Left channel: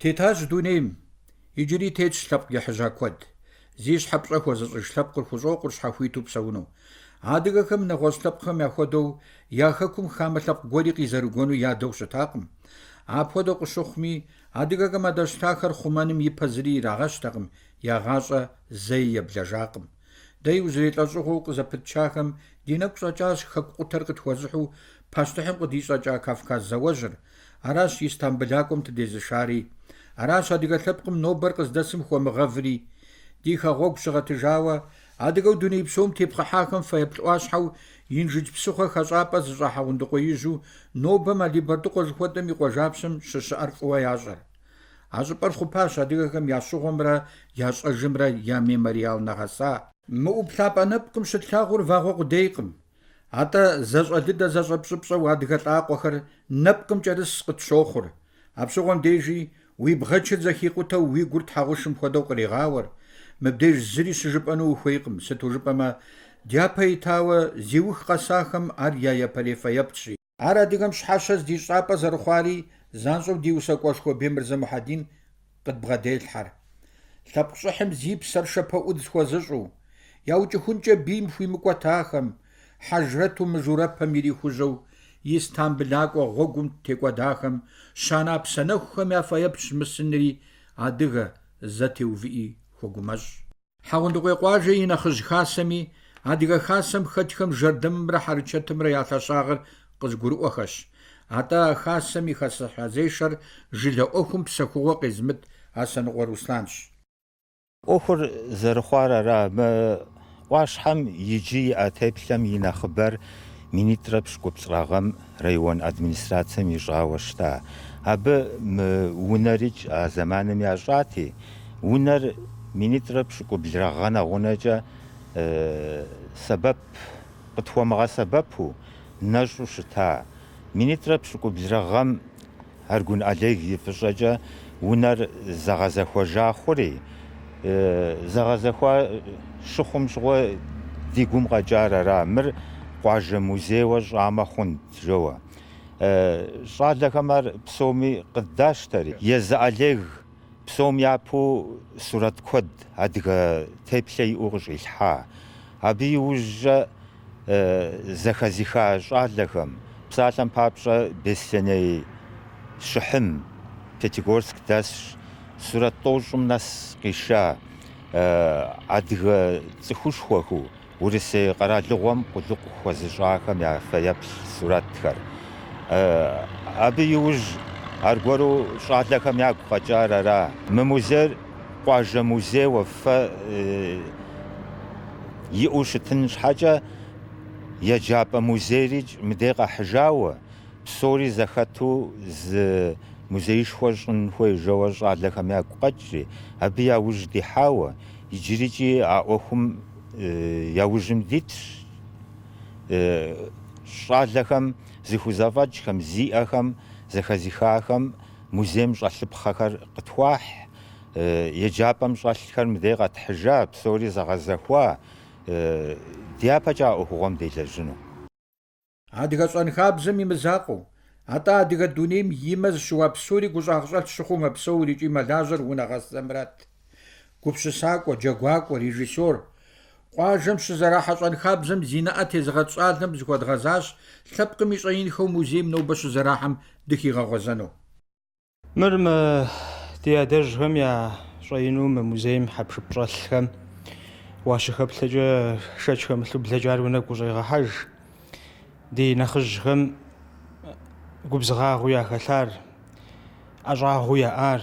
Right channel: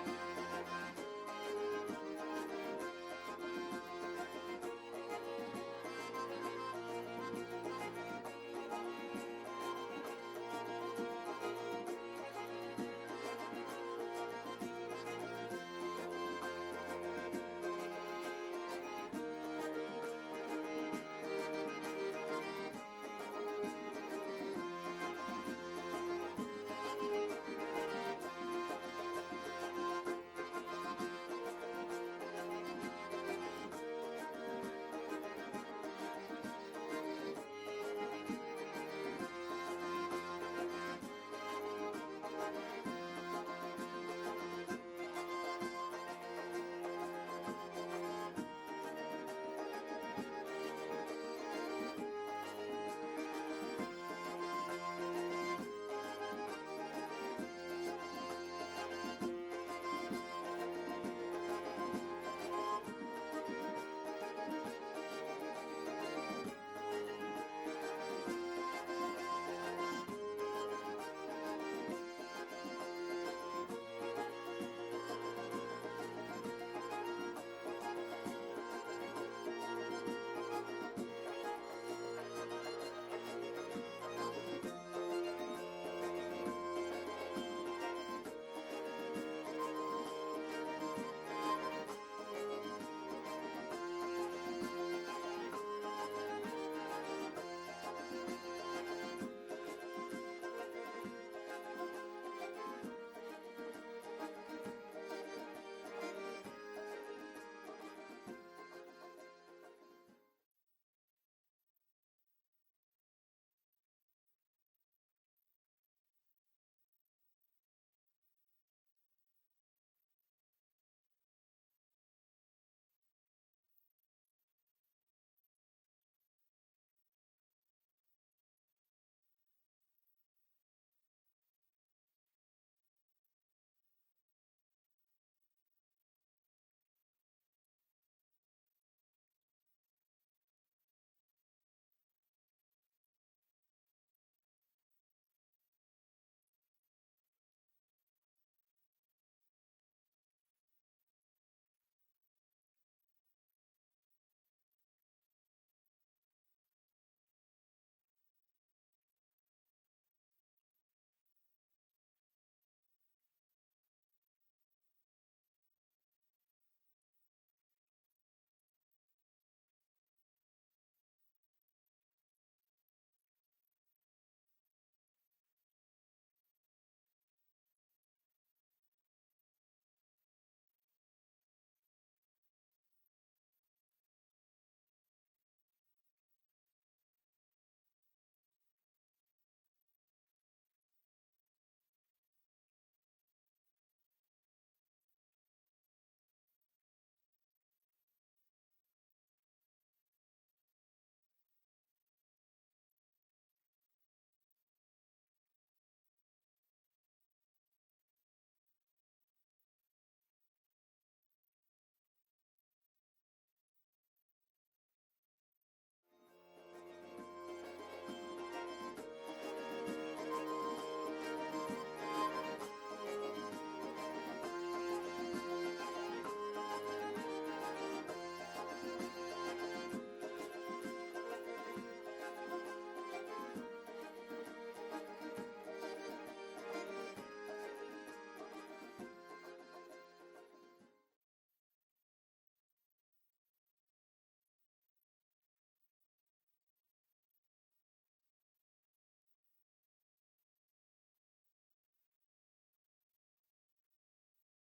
تيتاج دونيم يجري تيج شلب يحجا كود زيش حبشا كوزش شلب كوزوق شحويتو بسونو عادقكم نغوشلبكم ياخدو ياخكم خاملب غوريقي زرغونو يادو شتاقم عفودو قشخمي عادقكم ادشتاخر خمانم يبزري راغشتاقم ياغاشا زي يبلجاقم داي وزريت لاشوخو قزبتشاخم ينقشاجاش خقوتر قتوزحو پاشتحم قديشاجا كافكاز زوجر عراش يستنبلاكم تديزشاري عراش عادقلبكم نوبر قزدسم خومغفري ديخا غوك شغتجاوا عادقو دوني بسوم تيبقى حاكم فيبتواشحو ينجج بسوخة خشابة زجاحا وندقو يجو نوبما لبردقو زخوتم يقوجابسم ششعر قوياجر عجبر خباش عادقكم ياشوغمرا ياشأجمرا يا ميماريال نغسا مؤبثاب أنبكم شتلاغور فاغو قديقم عطا زجا ديدا زجا بشبشا وعادقات آقوخر نبكم جارس قتشوخر عبشوغم ديجي ويبغتشت زخيقوتا ويقرد حاغوشم خدو قريغاور مبديج زري شجبانو وخيقم ستو جبما ديابا تاوى زيوخ قساخم عريا يبالي فيبتشي عرا ديغم شحاشز دي شعبا زرخواري زانشو ديوسا قوشكو بيمرزا محادين قد بغدي الحر تبقشحم زيب سرشبا قدس خوزشو ياوجي خنجا بيم شوي مقواتاخم حجرتو مجوربا ميري خوزو يستان بلاق وغوغم تيقوا داخم شانا بسنخم يا فيبتش مسنري عدغا زاتي وفئي وقمج حاوندقوي قواجي ينخج خاسمي عدغا خاسم خدخم جردم را حرچتم را ياتشاغر قزقرو وخش عطا خاسمي خاسحازيشر جلو اوخم بسخوة قزمت حسن ورسلانش اوخر زرخوار را ما واشحم يجي اتبلم ينخبر مينيتربش قبصراغم ريون ادمنستراتسم يجاوشتا اب ونريج زمانم ياجاتي ونر مينيتربش قبصراغنا غنجا سبب قطوة سببه نجو شتا مينيتربش قبصراغم هرگون عليك يفشجا ونر زغزخوا جاخوري زغزخوا شخم شغو ديقوم غجار رامر قواجه موزي وجامة خند جوا شاد لكمر بسومي قداش تري يزعليغ بسوم يابو صورة كود هادغا تيبلي اوغج الحا ابي وجه زخزيخا شاد لكم بسالم بابشا بسني شحم بيتيغورسك داش صورة طوجم ناس قيشا ادغا تخوش خوخو ورسي قرالغوم قلق خوزجاكم يا فيبل صورتكر ابي يوج ارغورو شادلكم يا قجار را مموزر قواجه موزي وفا يوشتنش حاجه يجاب موزيريج مديقه حجاوه سوري زختو ز موزيش خوشن خوي جوا شادلكم يا قجري ابي يا وجدي حاوه يجريجي اوخم ياوجم ديتش شادلكم زيخوزافاجكم زيئخم زخزيخاخم موزيم شالبخخر قتواح يجابم شالخر مديغه حجاب سوري زغزخوا ديابا جاء اوغم ديلجنو عادغا صنخابزم يمزاقو عطا عادغا دونيم يمز شواب سوري قزاغشال شخوم بسوري جي ملاجر ونغسلمرات كوبشساق وجاغواق وريجيسور قواجم شزراحة صنخابزم زيناء زغتشالم زغد غزاش ثبقم يشعين خو موزيم نو بش زراحم دكي غغزنو مرم ديادرجهم يا شعينو موزيم حبش بشالخم واشخب لجا شجهم لبلجار ونك وجيغا حج دي نخجهم قبزغاغو يا خلار أجاغو يا آر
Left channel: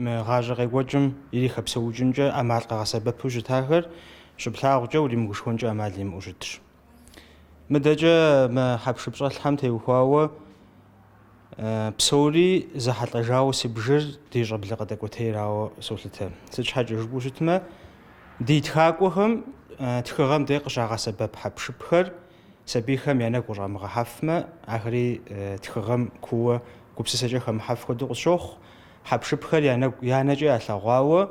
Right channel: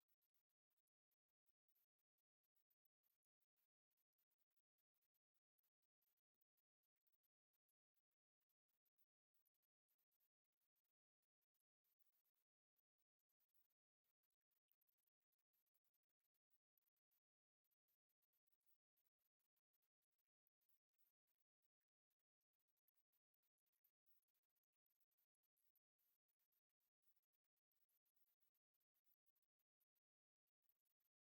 غاجغي وجم يلي خبسو جنجا أمال قاسبة بوجة تاخر شبلاغ جولي مغشونجا أمالي موجدش مدجا ما حبش بشال حمتي وخواوا بسوري زحط أجاو سبجر دي جبل قدك وتيراو سولتها سج حاجة جبوشتما دي تخاقوهم تخغم ديق جاغا سبب حبش بخر سبيخم يعني قرا مغحفما آخري تخغم كوا قبسسجا خم حف خدو شوخ حبش بخر يعني جا أثغاوا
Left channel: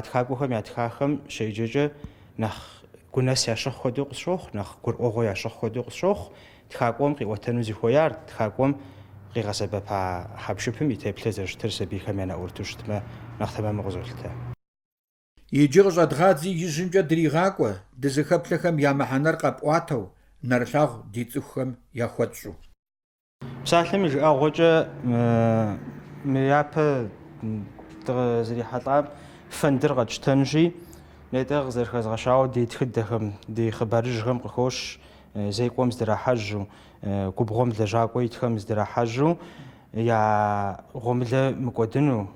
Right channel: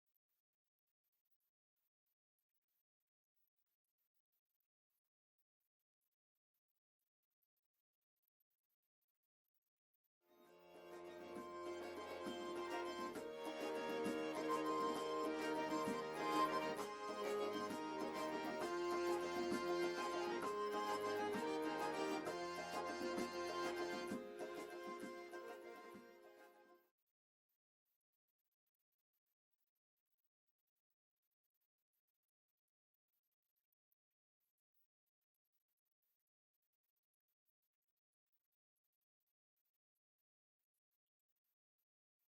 تخاقوهم يعني تخاخم شيججا نخ كناس يشخ خدو شوخ نخ قرأوغو يشخ خدو شوخ تخاقوم قوتنو زي خويار تخاقوم къигъэсэбэпа хьэпшыпым и теплъэ зэрыщытыр сабийхэм я нэӀурыту щытмэ нэхъ тэмэму къызолъытэ. Иджы къыщӀэдгъадзи ижьымкӀэ дригъакӀуэ дызыхэплъэхэм я мыхьэнэр къэпӀуатэу, нэрылъагъу ди цӀыхухэм яхуэтщӀу. Псалъэм и жыӀэгъуэкӀэ мы япэ дыкъызэрихьэлӀам фэндыр къэтщтэнщи, нетӀэ къызэрыхэзгъэщауэ ди тхыдэхэм, ди хъыбарыжьхэм къыхощ, зекӀуэм здырахьэжьу, губгъуэм лэжьакӀуэ итхэм здырахьэжьу, я гъуэмылэ мыкӀуэдыну,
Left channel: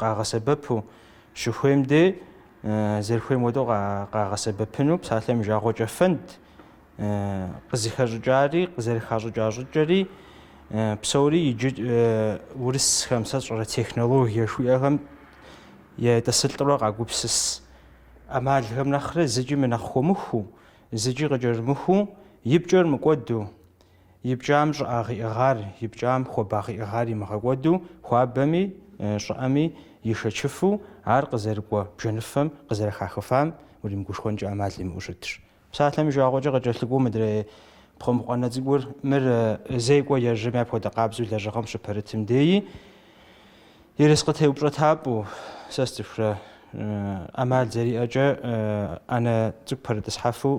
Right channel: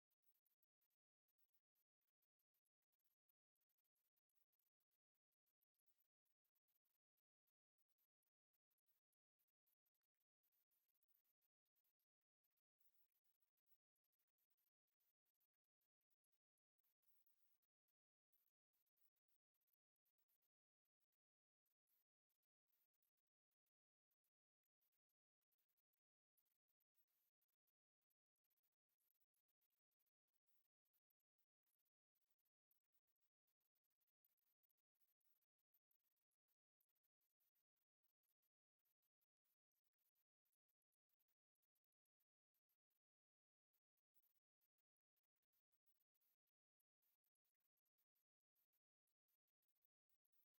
къагъэсэбэпу щыхуейм де зэрыхуейм хуэдэу къагъэсэбэпыну псалъэм и жагъуэкӀэ фэнд къызыхэщӀыкӀари, къызэрыхащӀыкӀа щӀыкӀэри псори иджы урысхэм сэ щӀэрэ технологие жыхуиӀэхэм етӀысылӀурэ къагупсыс Ӏэмалхэм нэхърэ зыкӀи мынэхъ хуэмыхуу, зыкӀи къыкӀэрымыхуу, и пкӀэр мыкӀуэду, и пкӀам щӀыӀагъиӀыгъар, и пкӀам хуабагъиӀыгъар имыгъэкӀуэду хуабэми, щӀыӀэми ишэчыфу ар къызэрыкӀуэ бжэныфэм къызэрыхахыфам уримыгушхуэнкӀэ Ӏэмал имыӀэу щытщ. Псалъэм и жагъуэкӀэ къыкӀэлъыкӀуэу мыдрей пхъуэмыкъуэнэ цӀыкӀур мыр зекӀуэ ежьэм апхуэдэ къабзэу лэжьыгъэм щыпэрытым деи ерыскъы къытеупщӀэтапӀэу сэ сцӀыхурэ Ӏэмал зэриӀэкӀэ Ӏэнэ цӀыкӀу пэрытӀысхьэфу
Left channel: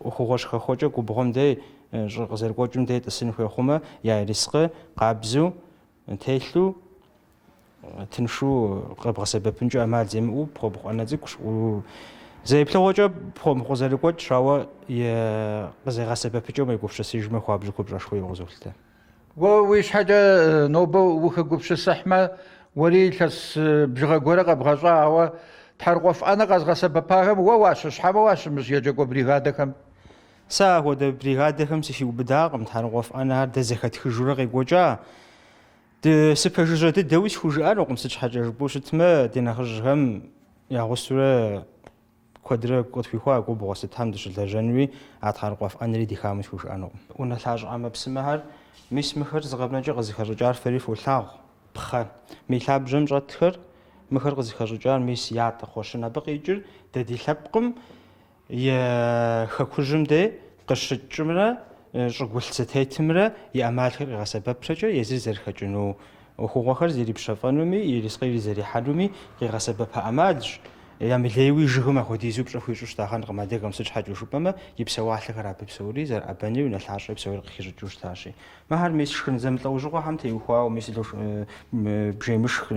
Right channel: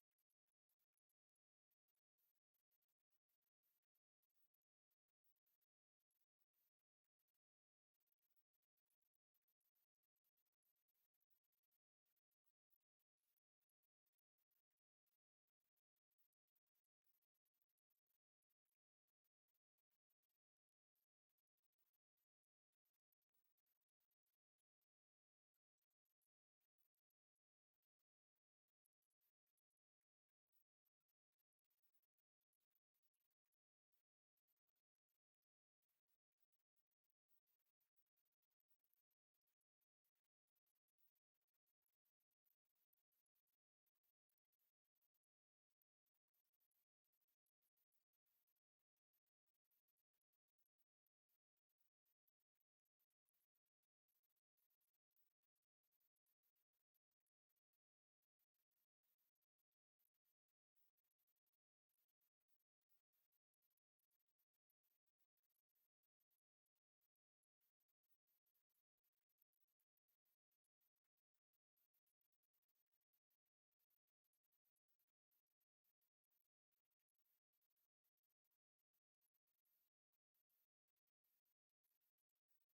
Ӏуэхугъуэ щыхэхуэкӀэ губгъуэм дей щӀы къызэрыкӀуэкӀым дей тӀысын хуей я ерыскъы къабзэу телъу тыншу къэбгъэсэбэпынкӀэ Ӏэмал земыӀэу пхъуэмыкъуэнэ цӀыкӀущ. ЗэиплъыгъуэкӀэ пхъуэмыкъуэ зэрыкӀуэкӀ щауэ къызегъэсэбэпыкӀэу мегупсысыжмэ хуабжьу куэбжэшхуейуэ къызолъытэ. Уэ уи щхьэкӀэ нобэ ухэгупсысыхьмэ, уэри илъэс бжыгъэ гуэрэ къэбгъэщӀауэ тхьэрыкъуэф Ӏэнэ къэзгъэсэбэпахэм уэ уащыщхьэмэ уащымыщ еджакӀуэ бригадэхэм? Сэ ахуэдэ бригадэхэм сыхиубыдакъым. Тхьэрыкъуэф Ӏэнэр дэ зэхэтхыжурэ къекӀуэкӀа. Сыпэжыжьэ дыдэуи схужыӀэнукъым, сыт щхьэкӀэ жыпӀэу щытмэ, ди нэхъыжьхэм ягъусурэ куэдрэ къытхуихуа губгъуэ сытхэм дыщылэжьэнуи а тхьэрыкъуэф Ӏэнэри дихамэ схужыӀэнукъым. УнэлъащӀэ мыпсымэхэр мис мыхэр зыгъэбнэкӀэ къызыхэщӀыкӀар фэри фолъагъу. Пхъэ мей лъабжьэм щӀэтхэр мыхэр къызыхэщӀыкӀар мис ятӀэ хъуэщын. Абы къикӀыр дэ ди лъэпкъым е хэкужьым де къыщыкӀымрэ щӀыгулъ зэтетымрэ и Ӏэмалхэр къигъэсэбэпрэкӀэ езыр зэрыхэкӀыну Ӏуэхугъуэхэр зрипщэфӀэнуми, ирискъыри зэрихьэнуми къигъэсэбэпа Ӏэмалщ. Ямылейуи жыгым апхуэдизу пщӀэ хуищӀу щытахъэнкъым адэгэм сыт щхьэкӀэ жыпӀэмэ, и псэуалъэхэр абы псори зэрыӀэбэни унэлъащӀэ псори къыхищӀыкӀыу щытащи. Мыхьэр мис шхын зэмылӀэужьыгъуэхэм теухуауэ, мис бжеймышх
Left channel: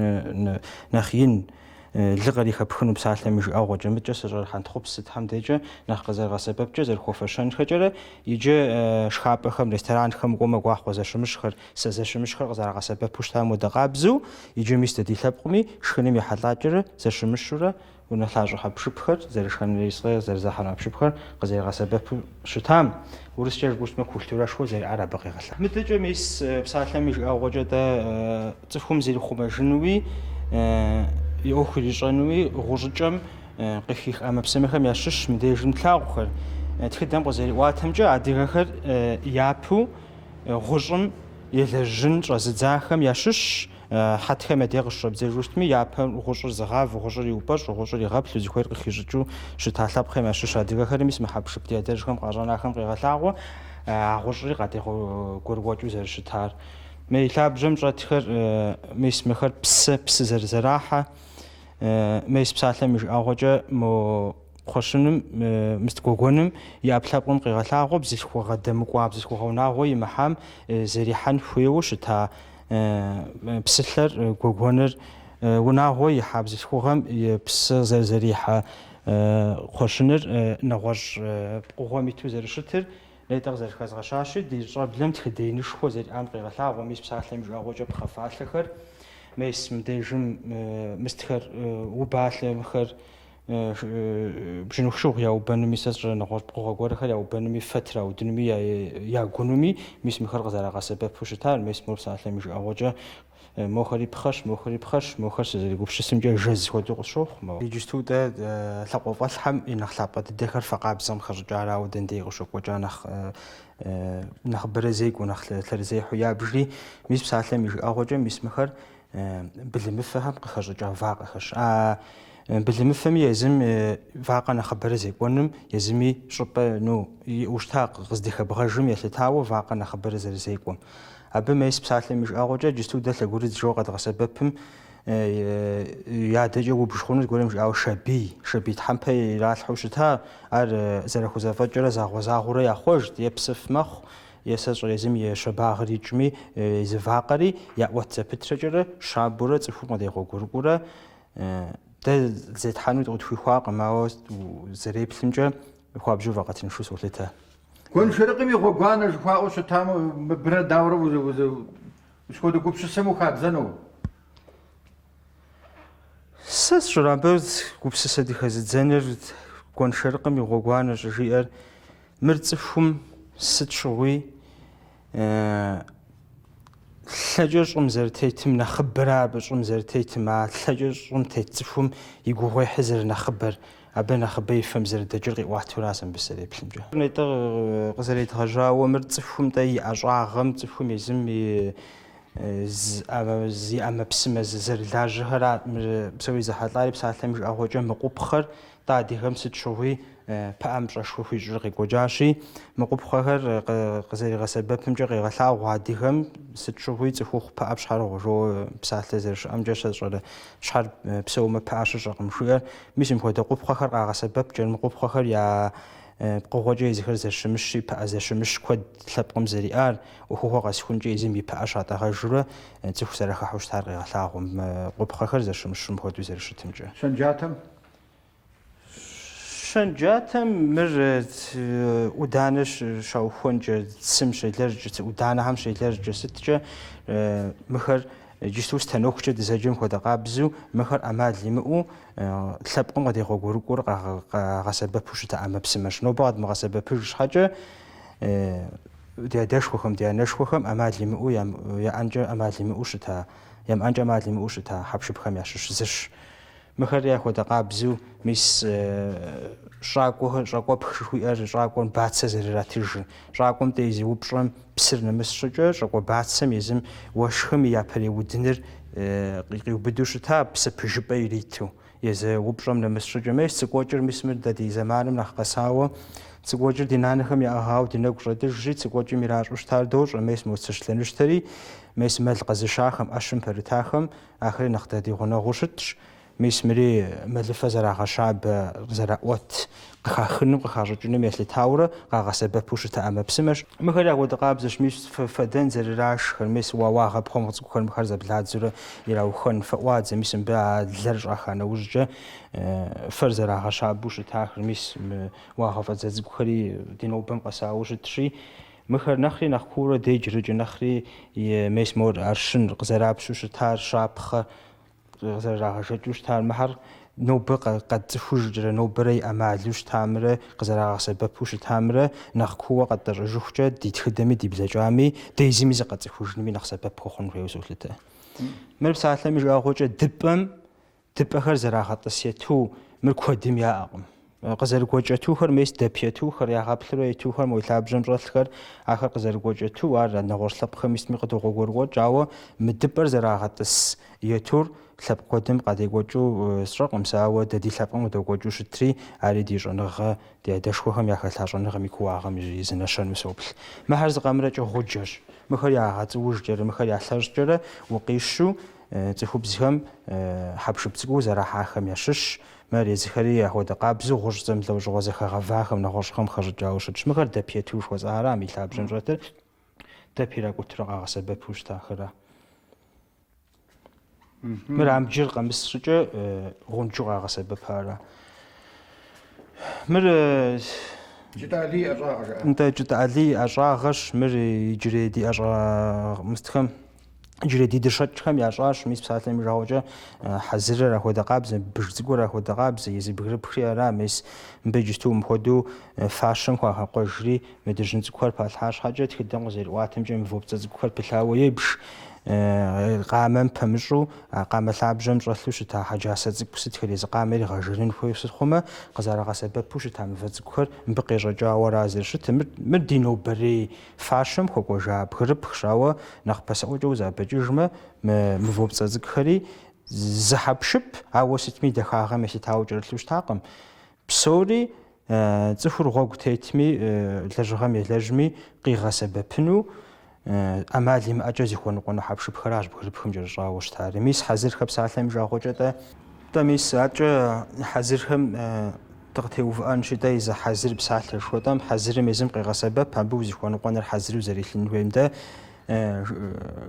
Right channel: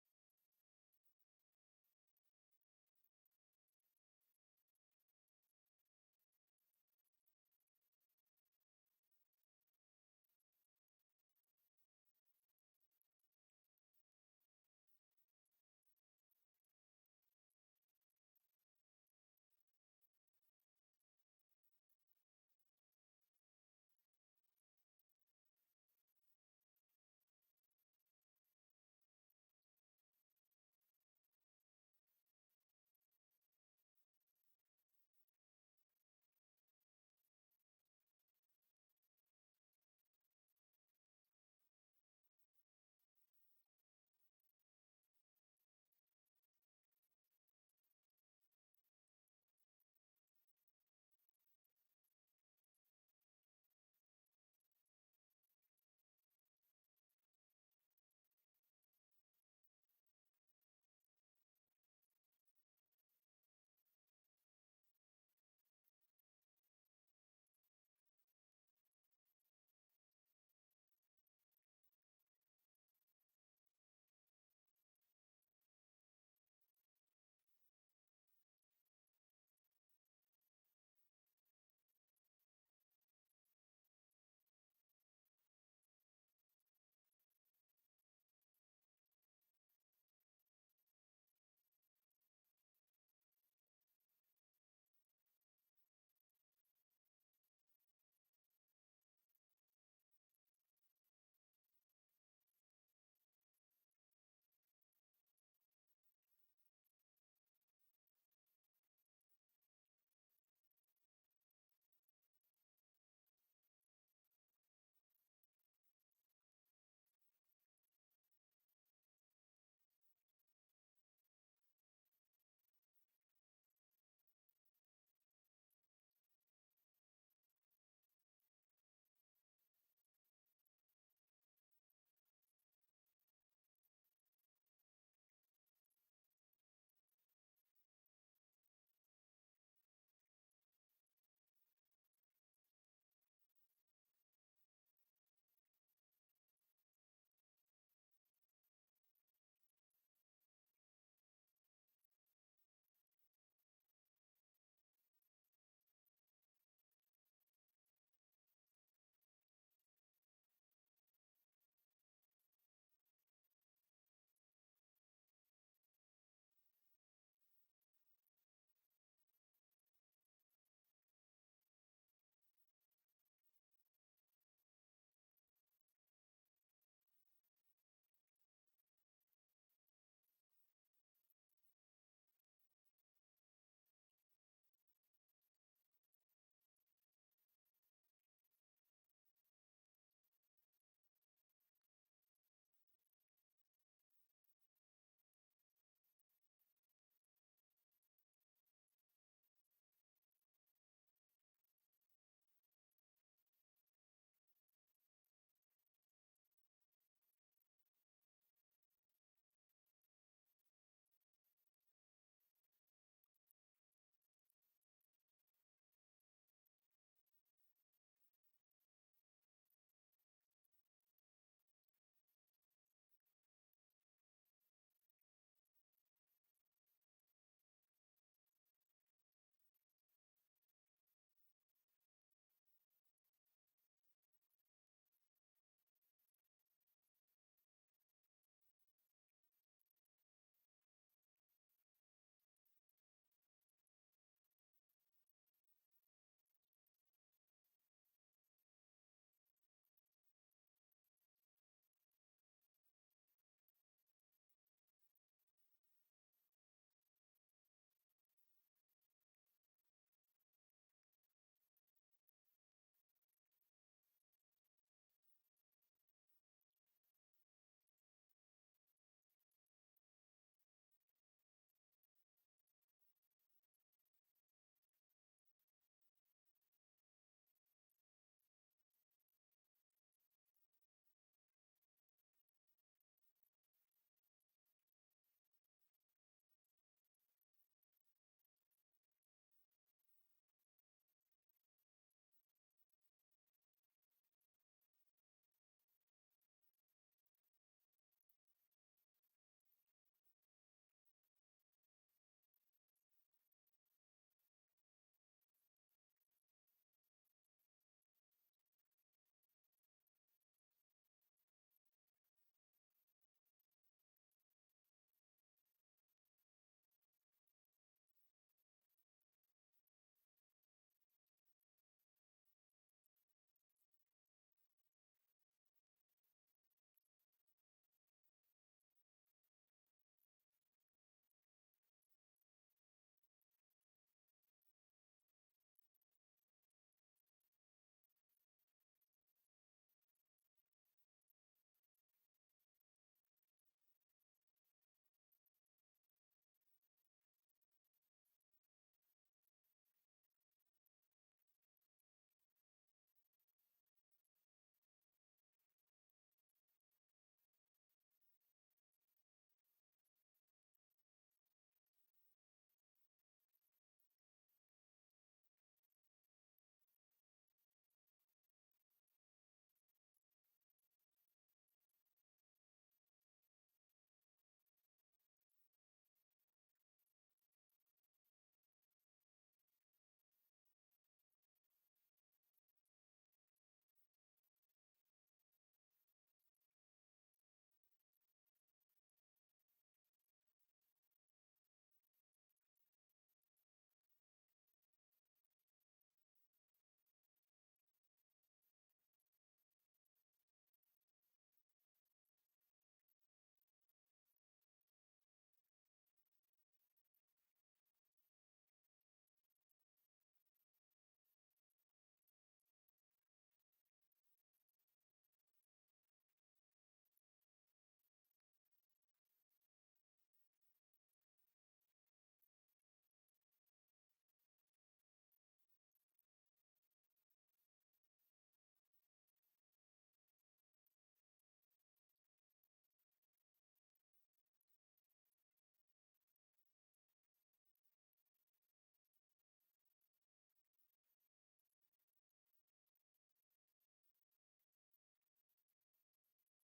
нэхъ ин лы кърихэпхыну псалъэм и жыӀэгъуэкӀэ мыкӀэ сыщӀэр хьэнтхъупс сытхэм дежкӀэ нэхъ къызэрыгъэсэбэпкӀэ зэрыхуэфэщэнхэкӀэрэ иджы шхапӀэхэм, ресторанхэм кӀуэмэ гуахъуэ зэщымыщхэр, сэ зэщымыщхэр къызэрагъэсэбэпу щытам уэдэ къабзэу иджы мис дэ ди лъэпкъми шхыным ехьэлӀакӀэрэ зэщымыщурэ унэлъащӀэ хьэпшыпхэр, зэрышхэн ерыскъы зэрызэхьэн хьэпшыпхэр къызэригъэсэбэпу щытам урыскӀэ жыпӀэу культурэшхуэ зэриӀэр абы къегъэлъэ. МыдэкӀэ мис псалъэм и жыӀэгъуэкӀэ дэ цӀыхум зирихъумэжынуи и Ӏуэху ирищӀэнуи гъущӀыкӀэм къыхих Ӏэмэпсымэхэм ящыщ мыбдежым тлъагъухэр. Тхыдэм къызэриӀуатэмкӀэ адыгэхэр япэу гъущӀым елэжьын щӀэзыдзахэм ящыщ. Хьэтхэм я дей къыщыщӀэбдзejju щытми япэ гъущӀыр зыгъав, гъущӀыр иупӀэщӀ, гъущӀыр игъэплъу зыхуейр къыхищӀыкӀыу щыта лъэпкъхэм ящыщ адыгэхэри мис мы хьэпшып ди адэжхэм къащӀэнахэм къегъэлъагъуэ гъущӀри къадегъуэгуэкӀыу зэрыщытар. Мей лъабжьэм щӀэтхэр мис мыхэр псы зэрызэрахьэ. Мис псалъэм и жыӀэгъуэкӀэ мо кхъуэщыным, мыстыгуэгуэным и Ӏэпкълъэпкъым къигъэлъагъуэ бзылъхугъэ дэмыкӀуа, бзылъхугъэ унагъуэ имыхьам зэрихьэн хуейуэ щыта псылъэр, гуэгуэныр унагъуэ ихьа бзылъхугъэм псы зэрызэрихьэ кхъуэщыныр нэгъуэщӀ пкъыгъуэм иту зэрыщытыр нетӀэ къызэрыхэзгъэщащи, ди щӀэблэм тхыдеинышхуэ зэриӀам къегъэлъагъуэ. Мис псалъэм и жыӀэгъуэкӀэ пхъэфалъэхэр, мис мыбдежым мыстхэр убалъэмхэр бжьыныху яубэнуми, сэ сщӀэрэ нэгъуэщӀ пкъыгъуэ гуэрхэр яубэнуми, фэ траудынуми, ягунуми, мис мыхэр къызэрагъэсэбэпу щытар. Мис мо псалъэм и жыӀэгъуэкӀэ мохэри пхъэщ, мохэр сызэригупсысымкӀэ жэз хуэдэу къысщохъу. Иджысту дэ лъакъуэфӀэлъхьэм и нэхъ лъапӀэ дыдэхэр фэкъабзэм хэщӀыкӀарауэ дэндей къыщокӀуэкӀа нэхъ бэрэзекӀуэ, нэхъ лъэрызехьу ябжри, мис псалъэм и жыӀэгъуэкӀэ мис мыхэр былымыфэхэм къыхэщӀыкӀа вакъэхэщ. Бэлэмыфэми езым вакъэ нэхъыбэрэ зекӏуэным езыми щӏыпӏэ иӏущта къыздыхэбгъэжым елъытауэ вакъэ нэхъыбэрэ зэрызекӏуэм. Абы мес псалъэм и жыӏэгъуэкӏэ джысту дэ лъэгурыдз жыгъуэ къэдгъэсэбэпым ядэкӏэ убж хъуну зыгуэрым жиӏауэ шабий тхьэмпэ иралъхьэу щыта, ар зэрыхузэфӏэкӏэрэ загъуэрэ яхъуэжт, е псыф мэхъу, е сэ щӏыр езым и щабагъыр икӏми зы вакъэри яӏуэт зэпытрэкӏэрэ шабэурэ цӏыхур къыдегъуэгурыкӏуурэ дэ зетхьэну къытхуихуакъым, ауэ зэреплъымкӏэ хуабжьу вакъэтыншу солъытэ. Гуэншэрыкъым и гъуэгуанэ жыхуаӏэу щытамэ, мыбырэ дауэрэ ущхуэдэ гупсысэм ухабзэну? Сэ сщӏэрэ абы гупсысэ дыхэзыдзэныр гуэншэрыкъым и гъуэгуанэ щӏыжиӏэр мыр цӏыхум сыт щыгъуи лъэкӏэ щӏым зэрытетым нэхъыбэрэ абы щӏым зэрытетым, а лъэкӏэ щӏым тет цӏыхум и гугъуехьыр зэрынэхъыбэр, абы нэхъыбэ и фэм зэрыдэкӏыр къиӏуатуращ мыбы сэреплъымкӏэ. Нетӏэ къызэредгъэжьауэ мыр цӏыхум тӏэ и ӏэщӏагъэм, цӏыхум езым и ӏэмэпсымэ зэрылажьэхэра псори зэхьэлӏари псалъэм и жыӏэгъуэкӏэ мыкъупхъэр тӏэ адыгэм сыт щыгъуи пыӏэм пщӏэшхуэ хуищӏыр къекӏуэкӏащи, мыкъупхъэхэр къызэригъэсэбэпымкӏэ къегъэлъагъуэ адыгэм сыт щыгъуи цӏыхухъу пыӏэ пщхьэрыгъуэ жоуэ псалъэ зэрыщыӏэмкӏэ сэ сщӏэрэ щхьэр псэумэ пыӏэ щыщӏэкъым жиӏэр. Мис мыпхуэдэ къупхъэхэр къагъэсэбэпкӏэ мыкъупхъэхэр я пкъыгъуэкӏэ езыхэр зэщымыщи, пыӏэ зэщымыщ куэд лъэпкъым зэриӏар, ӏуэхугъуэ къэсхункӏэ езым и пыӏэ щатӏэгъэжурэ цӏыху зэрыхыхьэу щытар къегъэлъагъуэ къупхъэхэр зэщымыщым хуэдэу зэрыщытымкӏэ. Шэнджатэм мыр ӏуданэ щаухуэнкӏэ, цым щелэжькӏэ, ӏуданэхьэм щелэжькӏэ сыткӏэ мыхэр джысту стэнохукӏэ дызэджэм хуэдэ къабзэу мыхэр ӏэмал имыӏэу лъэпкъым къыдегъуэгурыкӏуэр къагъэсэбэпу щыта ӏэмэпсымэщ. Нобэ къэдмыгъэсэбэпыж щхьэкӏэ ди адэшхуэхэм, ди анэшхуэхэм ӏэмал имыӏэу яӏэнкӏэ ӏэмал имыӏэу щыта, ямыӏэнкӏэ ӏэмал имыӏэу щыта хьэпшыпхэм ящыщ зыщ. Мыхэр яхуэдэ къабзэу мис щӏакӏуэпх жыхуиӏэр щӏакӏуэм бацэ зэрыратыжыр. ЩӀакӀуэм тӀэ зи упщӀэм псыр нэмыс щӀыкӀэ щӀакӀуэ бацэм езым уэшхым и япэрей къиубыду щыта псы пыжыпӀэ ириту. Езы упщӀэм нэмыс щӀыкӀэ мес цӀыкӀуэкӀыр мис мыр дэ ди зэманым нэхъ къэсауэ цӀыкӀуэкӀыр ди нанэхэм яӀыгъауэ ди нэгу щӀэдыжри цӀыкӀуэкӀым иращӀу щытар дощӀэ мес моцыщ лъэныщтэри мес мэл къэзышахэм Ӏэщым пэрытахэм ахэри нэхъ дэ ди гъунэгъуу щытщ. Мис мыри мэлыфэ зэрагъэщабэ зэраӀуэт къыхахыным къыхащӀыкӀыным елъытауэрэ къагъэсэбэпу щыта ӏэмэпсымэщ. Мыхэр я къуэдыкъабзэщ, мис фэдэн зэрырашхэр, мис уагъэпхъуэм цӀыкӀухэр мыхэр зэбладзэурэ ираухэн фэӀуадзэ, мис мыбы а лэр щӀаха нэужькӀэ фэр зэрагъэщабэу щытахэр, мис уагъэфӀэдзэ цӀыкӀухэри ди нобэм къэсауэ щытщи, мыхэр нэхъри нэхъ куурэ деджэрыкӀэ нэхъри мес мор аршын къызэрапщу щытар щапхъэ къызэрагъэжэкӀыу щытар мыхьэр нобэ къэдцӀыхужкӀэрэ нобэрэ и Ӏэмалу щытамрэ къызэрагъэсэбэпу щытамрэ нэхъ куууэ къэдтӀэщӀыжыхукӀэ ди тхыдэми ди блэкӀами дезыми зыкъэцӀыхужынми нэхъ сэбэп хуэхъун хуейуэ солъытэ. Мыр псалъэми жыӀэгъуэкӀэ дыпӀэхэр зэрагъэтӀысету мыр куэдым яӀэкъым. КъызэрыгуэкӀэтухэр мес дэп етухэр, ягъэплъурэ етухэр, мо уи лъабжьэм щӀэлъхэр, ахэр къызэрыгуэкӀэту ар нэгъуэщӀ лъэпкъхэм исми къыдогъуэгурыкӀуэкӀ, ауэ мы дыпӀэр зэрагъэтӀыс етур лъэпкъ куэдым къадекӀуэкӀыу сщӀэкъым сэ, ауэ дэ ди лъэпкъым къыдокӀуэкӀыу щытри, ари ди щӀэныгъэ, ди адэшхуэхэм яхэлъа щӀэныгъэм и кууагъым изынэщэну соплъ. Мыхьэр зыкъэмрэкӀэ гъуджэщ, мыхэр ягъэцӀыужкӀэрэ, мыхэр ялъэщӀкӀэрэ укъищу цӀыхубзхэм хьэпшып цӀыкӀуу зэрахьахэм ящыщ. Мыр езыхэри яхуэдэ къабзэу гъущӀ лӀэужьыгъуэ зэхэгъэвахэм нэгъуэщӀхэм хэщӀыкӀауэ щытщ. Мыхэр дэп ету жыхуэзӀэхэрам и лъабжьэм щӀэтыр дэп иракӀутурэ къагъэсэбэпу щытахэра. Мыр амджыр къэмыс щӀыкӀэ гъунджу къагъэсэбэпара. Мыр КӀытӀали ӀэщӀагъэщ, мыр иджырей ди ӀэщӀа иджырей ди дыщэкӀхэм ящӀащ, мис псалъэм и жагъуэкӀэ хьэзырыр апхуэдэ къабзэ, быж цӀыкӀур апхуэдэ къабзэ, езы бгырыпхри ара, мис мыбы иджысту мыпхуэдэу фащэм хуагъэкъуэжри мыдыжьын цӀыкӀухэр палъхьа щхьэкӀэ тхыдэм къызэрыӀуатэмкӀэ мывопцӀэ цӀыкӀухэр пылъауэ ебж, къамэм пэмыщӀу къамэ лъабжьэм щӀэлъу щыта хьэджасэ цӀыкӀу сытхэр езы къамэр игъэжырын хуейуэ сыт хъумэ, къызэрагъэсэбэпу щыта мывэ цӀыкӀухэр мыбы къещӀэкӀауэра зэрыщытыр. Мыр ди нобэрей фащэм хуэкӀуэжа бгырыпхщ, ауэ нэхъ пасэӀуэкӀэ узабэкӀыжмэ, мывопцӀэ цӀыкӀухэри зыхьэпшып, ауэ сытми дахагъэм елъытауэ кӏэрылъу щытакъым. Псори цӏыхур гъуэгу тетми, лэжьыгъэм елэжьми къигъэсэбэпыну ӏэмал имыӏэкӏэ зихуэныкъуэну хьэпшыпхэращ бгырыпхым кӏэрыщӏауэ щытар. Мис хьэзырхэр псалъэм жагъуэкӏэ мис атӏкӏэ хьэзырхэм дыкъытеувыӏэн щытэ и зы хьэзыр псалъэ жыхуэтӏэм, хьэзырым езым къегъэсэбэп, абы узихуэныкъуэныр хьэзыру зэрилъын хуейм дэ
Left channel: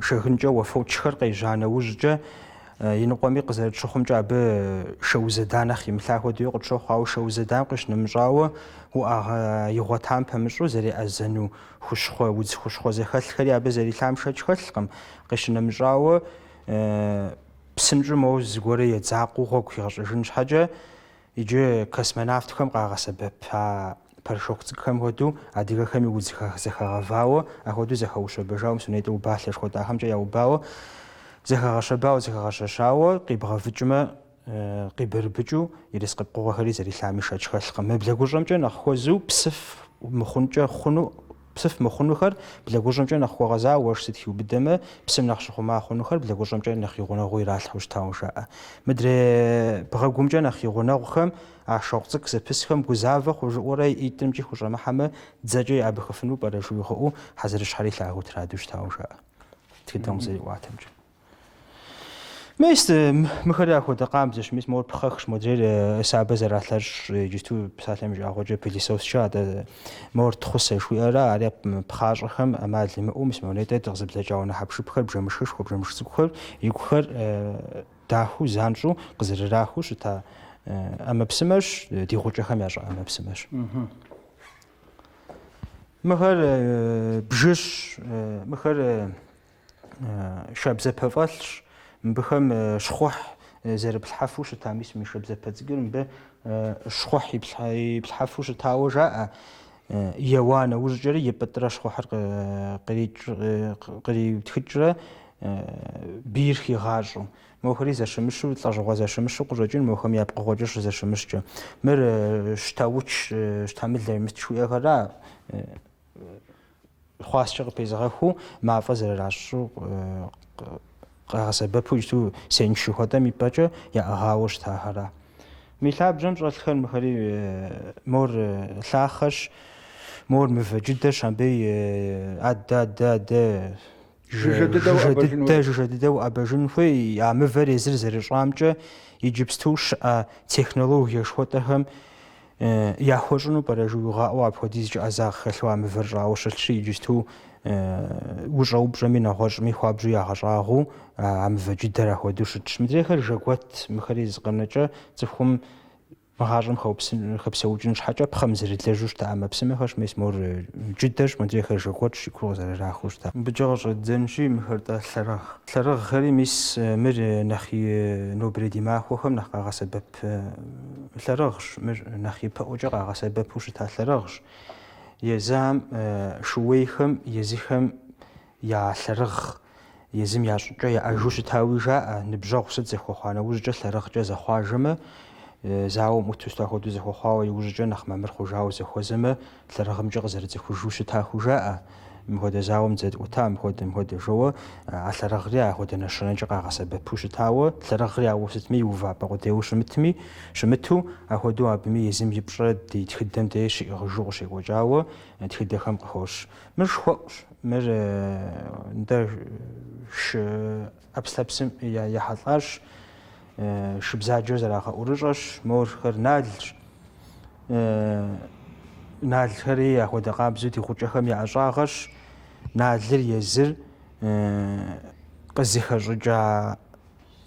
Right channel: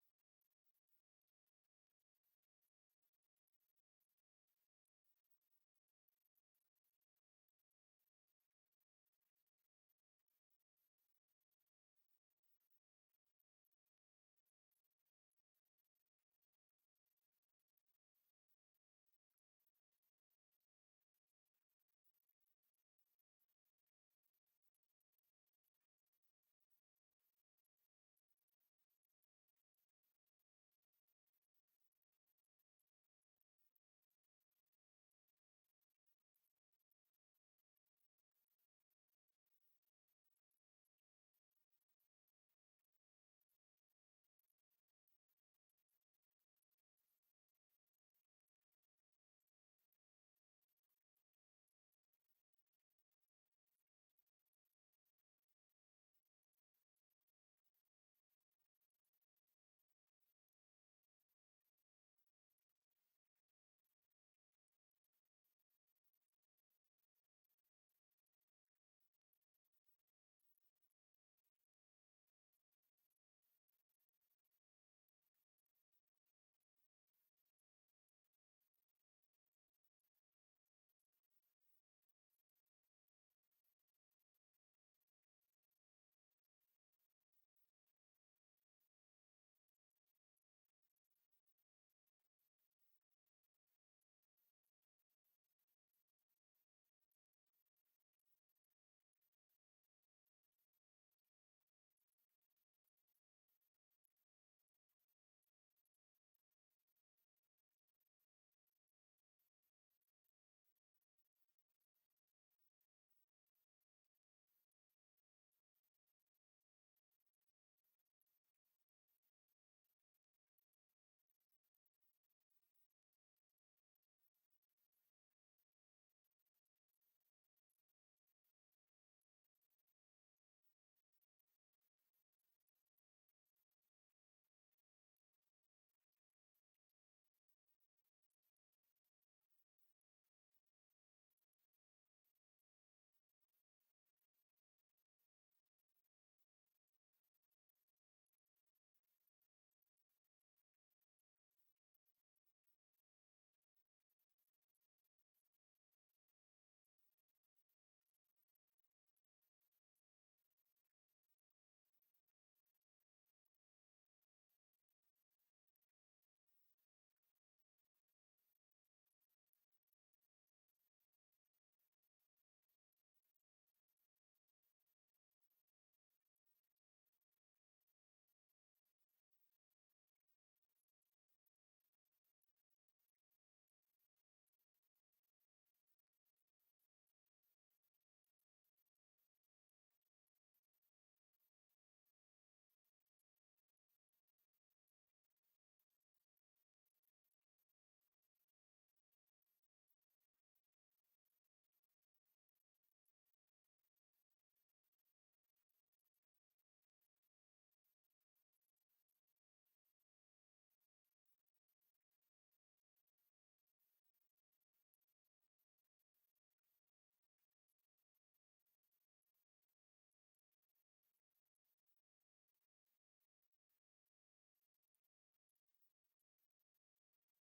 шэгынкӏэ уафэукӏхэр къежьа нэужькӏэ и ныкъуэми къызэрытщыхъумкӏэ абы шэузэда нэхъ имылъа хуэдэу къытщохъу, ауэ шэузэдам къищынэмыщӏауэ уӏэгъэ игъуэтам пэмыщӏу зэреӏэзэну хущхъуэ, удз хущхъуэ зэхэлъхэри абы зэрилъам шэч хэлъкъым. Къищынэмыщӏауэ псынщӏу моуэ зыгуэру едзакъыу гъуэгу хигъэщӏыжын щхьэкӏэ иджы космонавтхэм къагъэсэбэп пэршок цӏыкӏхэм хуэдэу адыгэхэми удз зэхэгъэвауэ, апхуэдэу зэхэущэбэжауэ, мис уней убалъэ жыхуэтӏахэмкӏэ яубауэ, зэхэгъэщэбауэ къибгъэвыкӏмэ къибырыбыкӏыу ерыс къыпкъыгъуэхэри зэрилъами шэч хэлъкъым. Мы блэгущӏэмкӏэ нэхъ хуэзу псыф мыхъунухэр блэгущӏэмкӏэ нэхъ хуэгъэзауэ, уэшх сыт хиубыдэмэ, псым нэхъ щыхъума хъунухэр блэгущӏэмкӏэ нэхъ и гъунэгъуу иралъхьэу щытауэ жаӏэ. Мыдрей бгъэгумкӏэ нэхъ и гъунэгъухэм а шок цӏыкӏ зэпысхэм гузавэ хъужыӏуэрэ итӏымкӏи хущӏэмыхьэмэ дзэкӏэ ябыхыфыну пӏэрэ жыхуиӏэу хьэзырыщхьэри лъагэу традэу щытауэ жаӏэ. Тхыдэм къызэриӏуатэмкӏэ. Мис мыхэри апхуэдэ къабзэщ, мис моуэ пхъэхщ, модрейр сабэ зэралъэщӏ, иджысту псалъэм жагъуэкӏэ пылисосчэ адэ моуэр тхъусэ жыхуиӏэра, ари пхъащӏэхэм ӏэмал имыӏэу мис монетӏэ къызэблэкӏа унэ хьэпшыпхэр, бжэмышхышхуэ, бжэмыш цӏыкӏухэр игухэр дахыу занщӏу къызэрырахыу щыта ӏэмэпсымэщ, ди гъукӏэхэм ящӏэ ӏэмэпсымэщ. Мыхэр бжыщ, мыхэр шабзэпэфӏэлъщ, мыбыхэм щхъухь зэрыплъхьэфу щыта, мис мы шабзэпэ цӏыкӏур мыбы щхъухь иплъхьэфу щытауэ жаӏэ. Еуа нэужькӏэри и пӏытӏрэ щхъухьыр къриутхыкӏрэ бийр хигъащӏэу. Мохэри зэщымыщу, лӏэжьыгъуэ зэщымыщу къыщӏэкӏын мохэм я пкъыгъуэкӏэ щызэщымыщкӏэ. Мыр щтауч, щтамылэ имыст жыхуиӏэхэра, хъуаскӏэ къыпезыгъэхуу мафӏэ зэрыращӏу къагъэсэбэпу иджыту сеншый хуэдэм и пӏэкӏэ яӏыгъауэ щытахэра. Ми лъабжьэм щӏэлъхэр мыхэри мор лъахэщ, мор мывэ джыдэщ, абы адэ жыжьэ дыдэу ӏэбэжын хуей, а мывэр езыр зэрыщӏамкӏэ иджыпсту щыӏэ технологие жыхуэтӏэхэм яхуэщӏыну пӏэрэ жыуигъэӏуэу апхуэдизкӏэ ӏэзагъ хэлъу а мывэр щӏауэ щылъщи, иджысту ущӏэупщӏэми нэгъуэщӏми хуабжьу ягъэщӏагъыу а мывэ джыдэр апхуэдэу щытщ. Мыдрейхэр жэгуэт, мыхэри зыкъэнэкӏэ цӏыхум мыгъащӏэм хэпсэукӏын щхьэкӏэ пхъэм зэрылэжьу щыта ӏэмэпсымэхэрщ, мис мор джыдэщ, мыдрейхэр жэгуэтщ, и куууэ зэрырахыу щыта. Мыбыкӏэ къыщӏэддзэнщи мыхэр тӏэ лъэрыгъ. Лъэрыгъхэри мис мыр нэхъ и нобэрей ди махуэхэм нэхъ къагъэсэбэп лъэрыгъщ, мыр нэхъ ипэӏуэкӏэ къагъэсэбэпу щыта лъэрыгъщ. Езам шууейхэм, езыхэм я лъэрыгъ, езым ящӏыкӏэ яӏэжу щытауи жаӏэ. Ныбжьэгъу сыт зэхуэхъуа нэужькӏэ лъэрыгъкӏэ зэхъуажэмэ, зауэм ӏуту апхуэдэу зэхуэхъуауэ иужькӏэ нэхъ мэмыр хъужауэ зэхуэзэмэ, лъэрыгъымкӏэ къызэрыцӏыхужу щытаху жаӏэ. Мыхуэдэ зауэм дзэдӏута, мыхуэдэ жоуэ а лъэрыгъри ахуэдэ нэщэнэкӏэ къагъэсэбэпу щытауэ, лъэрыгъри ауэ сытми иувапӏэ къудейуэ щымыту, ахуэдэу абыми езым и пщӏэ ди тхыдэм де щиӏыгъыжу къыщекӏуэкӏауэ тхыдэхэм къыхощ. Мыр шхуэӏущ, мыр нтӏэ ӏэпслъэпсым ехьэлӏащ, шыбзаджэр зэрагъэӏурыщӏэщ, морхэр налщ. Налхэри ахуэдэ къабзэу ди гъукӏэхэм я ӏэщӏагъэщ. Налыр езыр къызыхэщӏыкӏа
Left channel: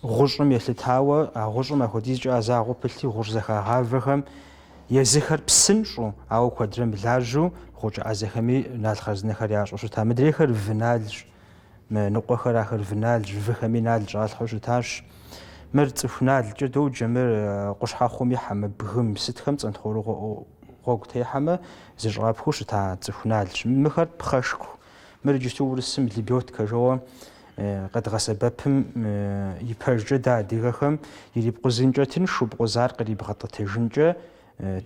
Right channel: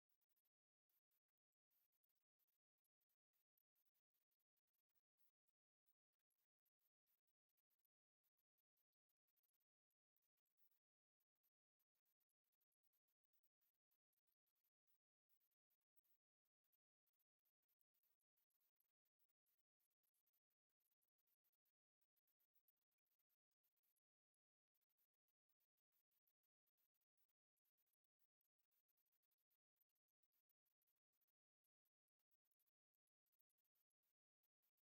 гъущӏым елъытауэ, а гъущӏым апхуэдизкӏэ ӏэзагъуэ пылъи гъущӏ зэхагъавэхэм езыхэр псынщӏу, ауэ куэдрэ мылажьэу гъукӏэ ӏэзэхэми нал хъарзынэхэр ящӏэу щыта. Мыдрейхэр вы налщ, ныкъуэхэр ахэр вы налщ, выхэми нал щӏалъхьэу щытащ. Мыр цӏыху налкӏэ доджэ, мыр къущхьэхъуэм ихьэмэ, бгым, сытхэм цӏэнтхъуэрыгъуэ гъуэгу техьэмэ зыщӏапхэу щыта цӏыху налщ. Мыхэр пхъэшху, мыр иджысту урысым лебёдкэ жоуэ къэдгъэсэбэпым и пэжкӏэ дэ адыгэхэм ирипкъузынкӏэ тыншу, пкъузар кърибгъэтӏытэжынкӏэ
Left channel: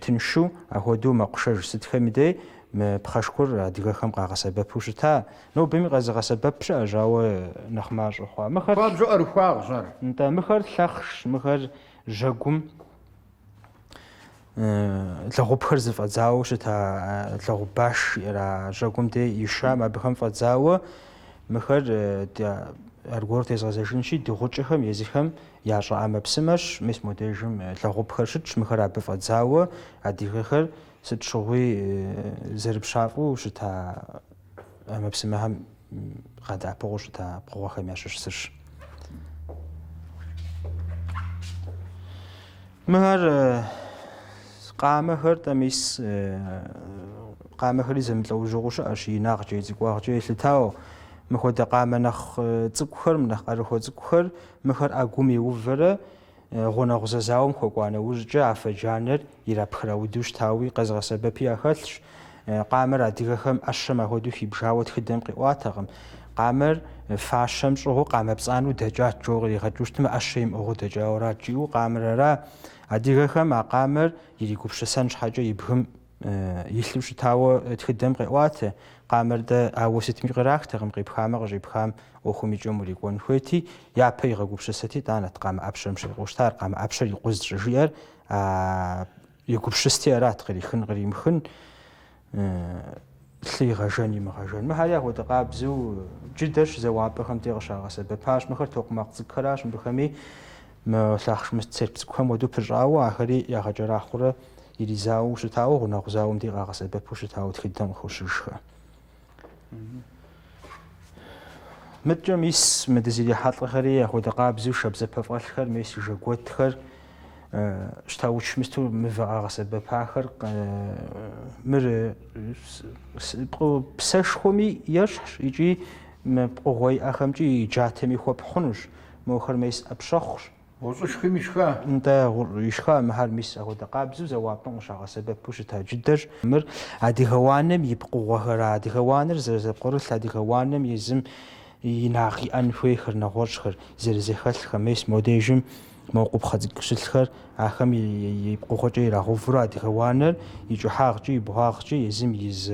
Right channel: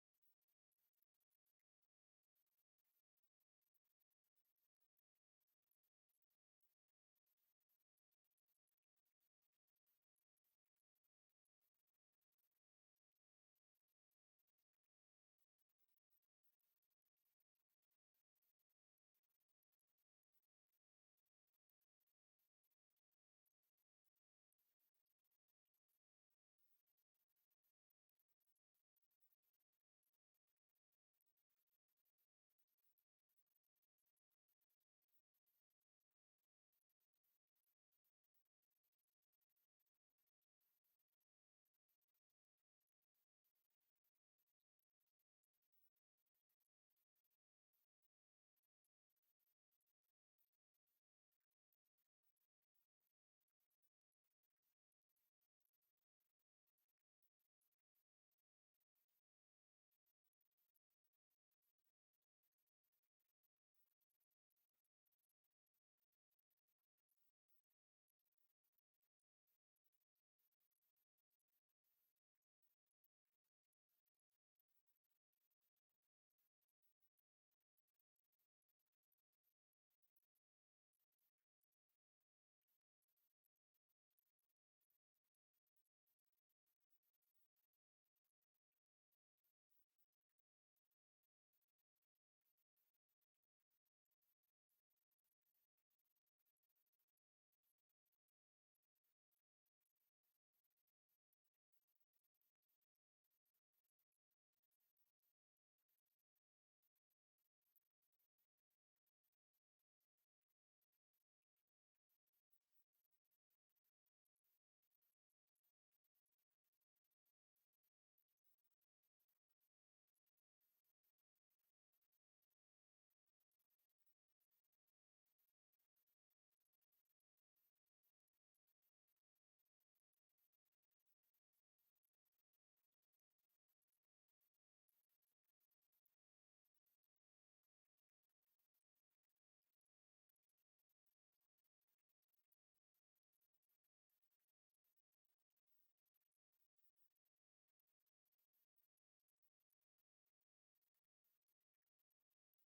тыншу, апхуэдэу мэкъушэж сытхэми де пхъэшхур адыгэхэм къагъэсэбэпу щыта. Нобэми къэзыгъэсэбэп щыӏэщ, ауэ нэхъ мащӏэ хъуа. Хуабжьу ӏэрыхуагъщ ар. НтӀэ мыхэр лъэхъщ, мыхэр жьэгум лэгъупхэр зыфӀэдзауэ щыта, лэгъупбаш иӏэра жьэгум де ишам абыхэм фӀэдзауэ мыхэр аргуэр тезгъэзэжынщи дыгъукӀэхэм езыхэм ящӀэ Ӏэмэпсымэщ. Мис модежым лэгъупхэр щытщ, мыхэр абы фӀэдзауэ адыгэхэр сыт щыгъуи зэрыпщафӀэу щыта Ӏэмэпсымэхэм къадэӀэпыгъуэу щыта пкъыгъуэхэм ящыщ сырщ. Мыхэр къамэхэр мис къамэхэри зэмылӀэужьыгъуу щыӀэщ, инагъкӀэ, цӀыкӀуагъкӀэ елъытауэ. Мыхуэдэ къамэ нэхъ цӀыкӀухэр, нэхъ Ӏэрыхуэ цӀыкӀухэр, мыхэр Ӏэгум еувэрэ гъунэгъу зэзауэм хуэкӀуа нэужькӀэ афэ джанэр ирапхрауду щытауи къэзгъэсэбэпи яхэлъщ. Къамэр адыгэхэм Ӏэщэм апхуэдэу хибжауэ тхыдэм къиӀуатэкъым. Къамэр фащэм щӀыгъуу къамэпцӀанэу дэкӀат, джэу къригъэкӀыу щытмэ Ӏэщэ имыӀыгъыу дэкӀауэрат жиӀэу къамэр ара. Адыгэхэм а къамэр иригупшысэн щхьэкӀэ и бгым илъу щытауэ тхыдэм къеӀуатэ. Къамэр дэ ауэ сытми кърахтэкъым, къипхамэ къыщӀипхам Ӏуэхум икӀэм урикӀуэн хуейти, япэ игъэгупшысэти тӀанэт къамэ Ӏэпщэм щрикъуу щытар. Къамэ Ӏэпщэр и къуз щӀыжиӀэр егупшысти арат, кърихын къримыхын, лъы игъэжэн имыгъэжэн. Мыхьэри апхуэдэ къабзэу джыдэщ зэуапӀэхэм де къыщагъэсэбэпащ. Мыхэр токъумакъ цӀыкӀухэращ, мыбыхэми лъахъшэ мыцер цӀыкӀухэм хуэдэу пыщӀауэ ахэри ягъэкӀэрахъуурэ иризауэ щытауэ гъунэгъу зауэм де къагъэсэбэпу щытауэ тхыдэм къыхощыжхэ. МыткӀэ мис мы дызэрихьэлӀэхэри апхуэдэ къабзэу шабзэпэфӀэлъхэр, мис и жэгуэтхэр щта уч мысту мывэ къагъэсэбэпахэр мыр псэшхуэми ещхьщ икӀи пкъыгъуэ иӀэхэмкӀи и джатэми хуэпхъунущ. Мохэр мис Ӏэпщэхъущ. ГъущӀышхым ишха. НтӀэ ишха мыхьэр мис апхуэдэ къабзэу зэуапӀэм къыщагъэсэбэпу щыта джыдэщ. Мыр адыгэ уанэм и пкъыгъуэхэр, адыгэ уанэр зэрызэпкърылъ адыгэ уанэм езым инагъ иӀэн хуейхэр, нэгъуэщӀхэр зэрызэхэлъхэр, мис модежым моукъупхъэ цӀыкӀу щылъхэр ахэм и пкъыгъуэкӀэ ирагъэувурэ адыгэ уанэр и кӀыхьагъкӀи и бугъагъкӀи езым из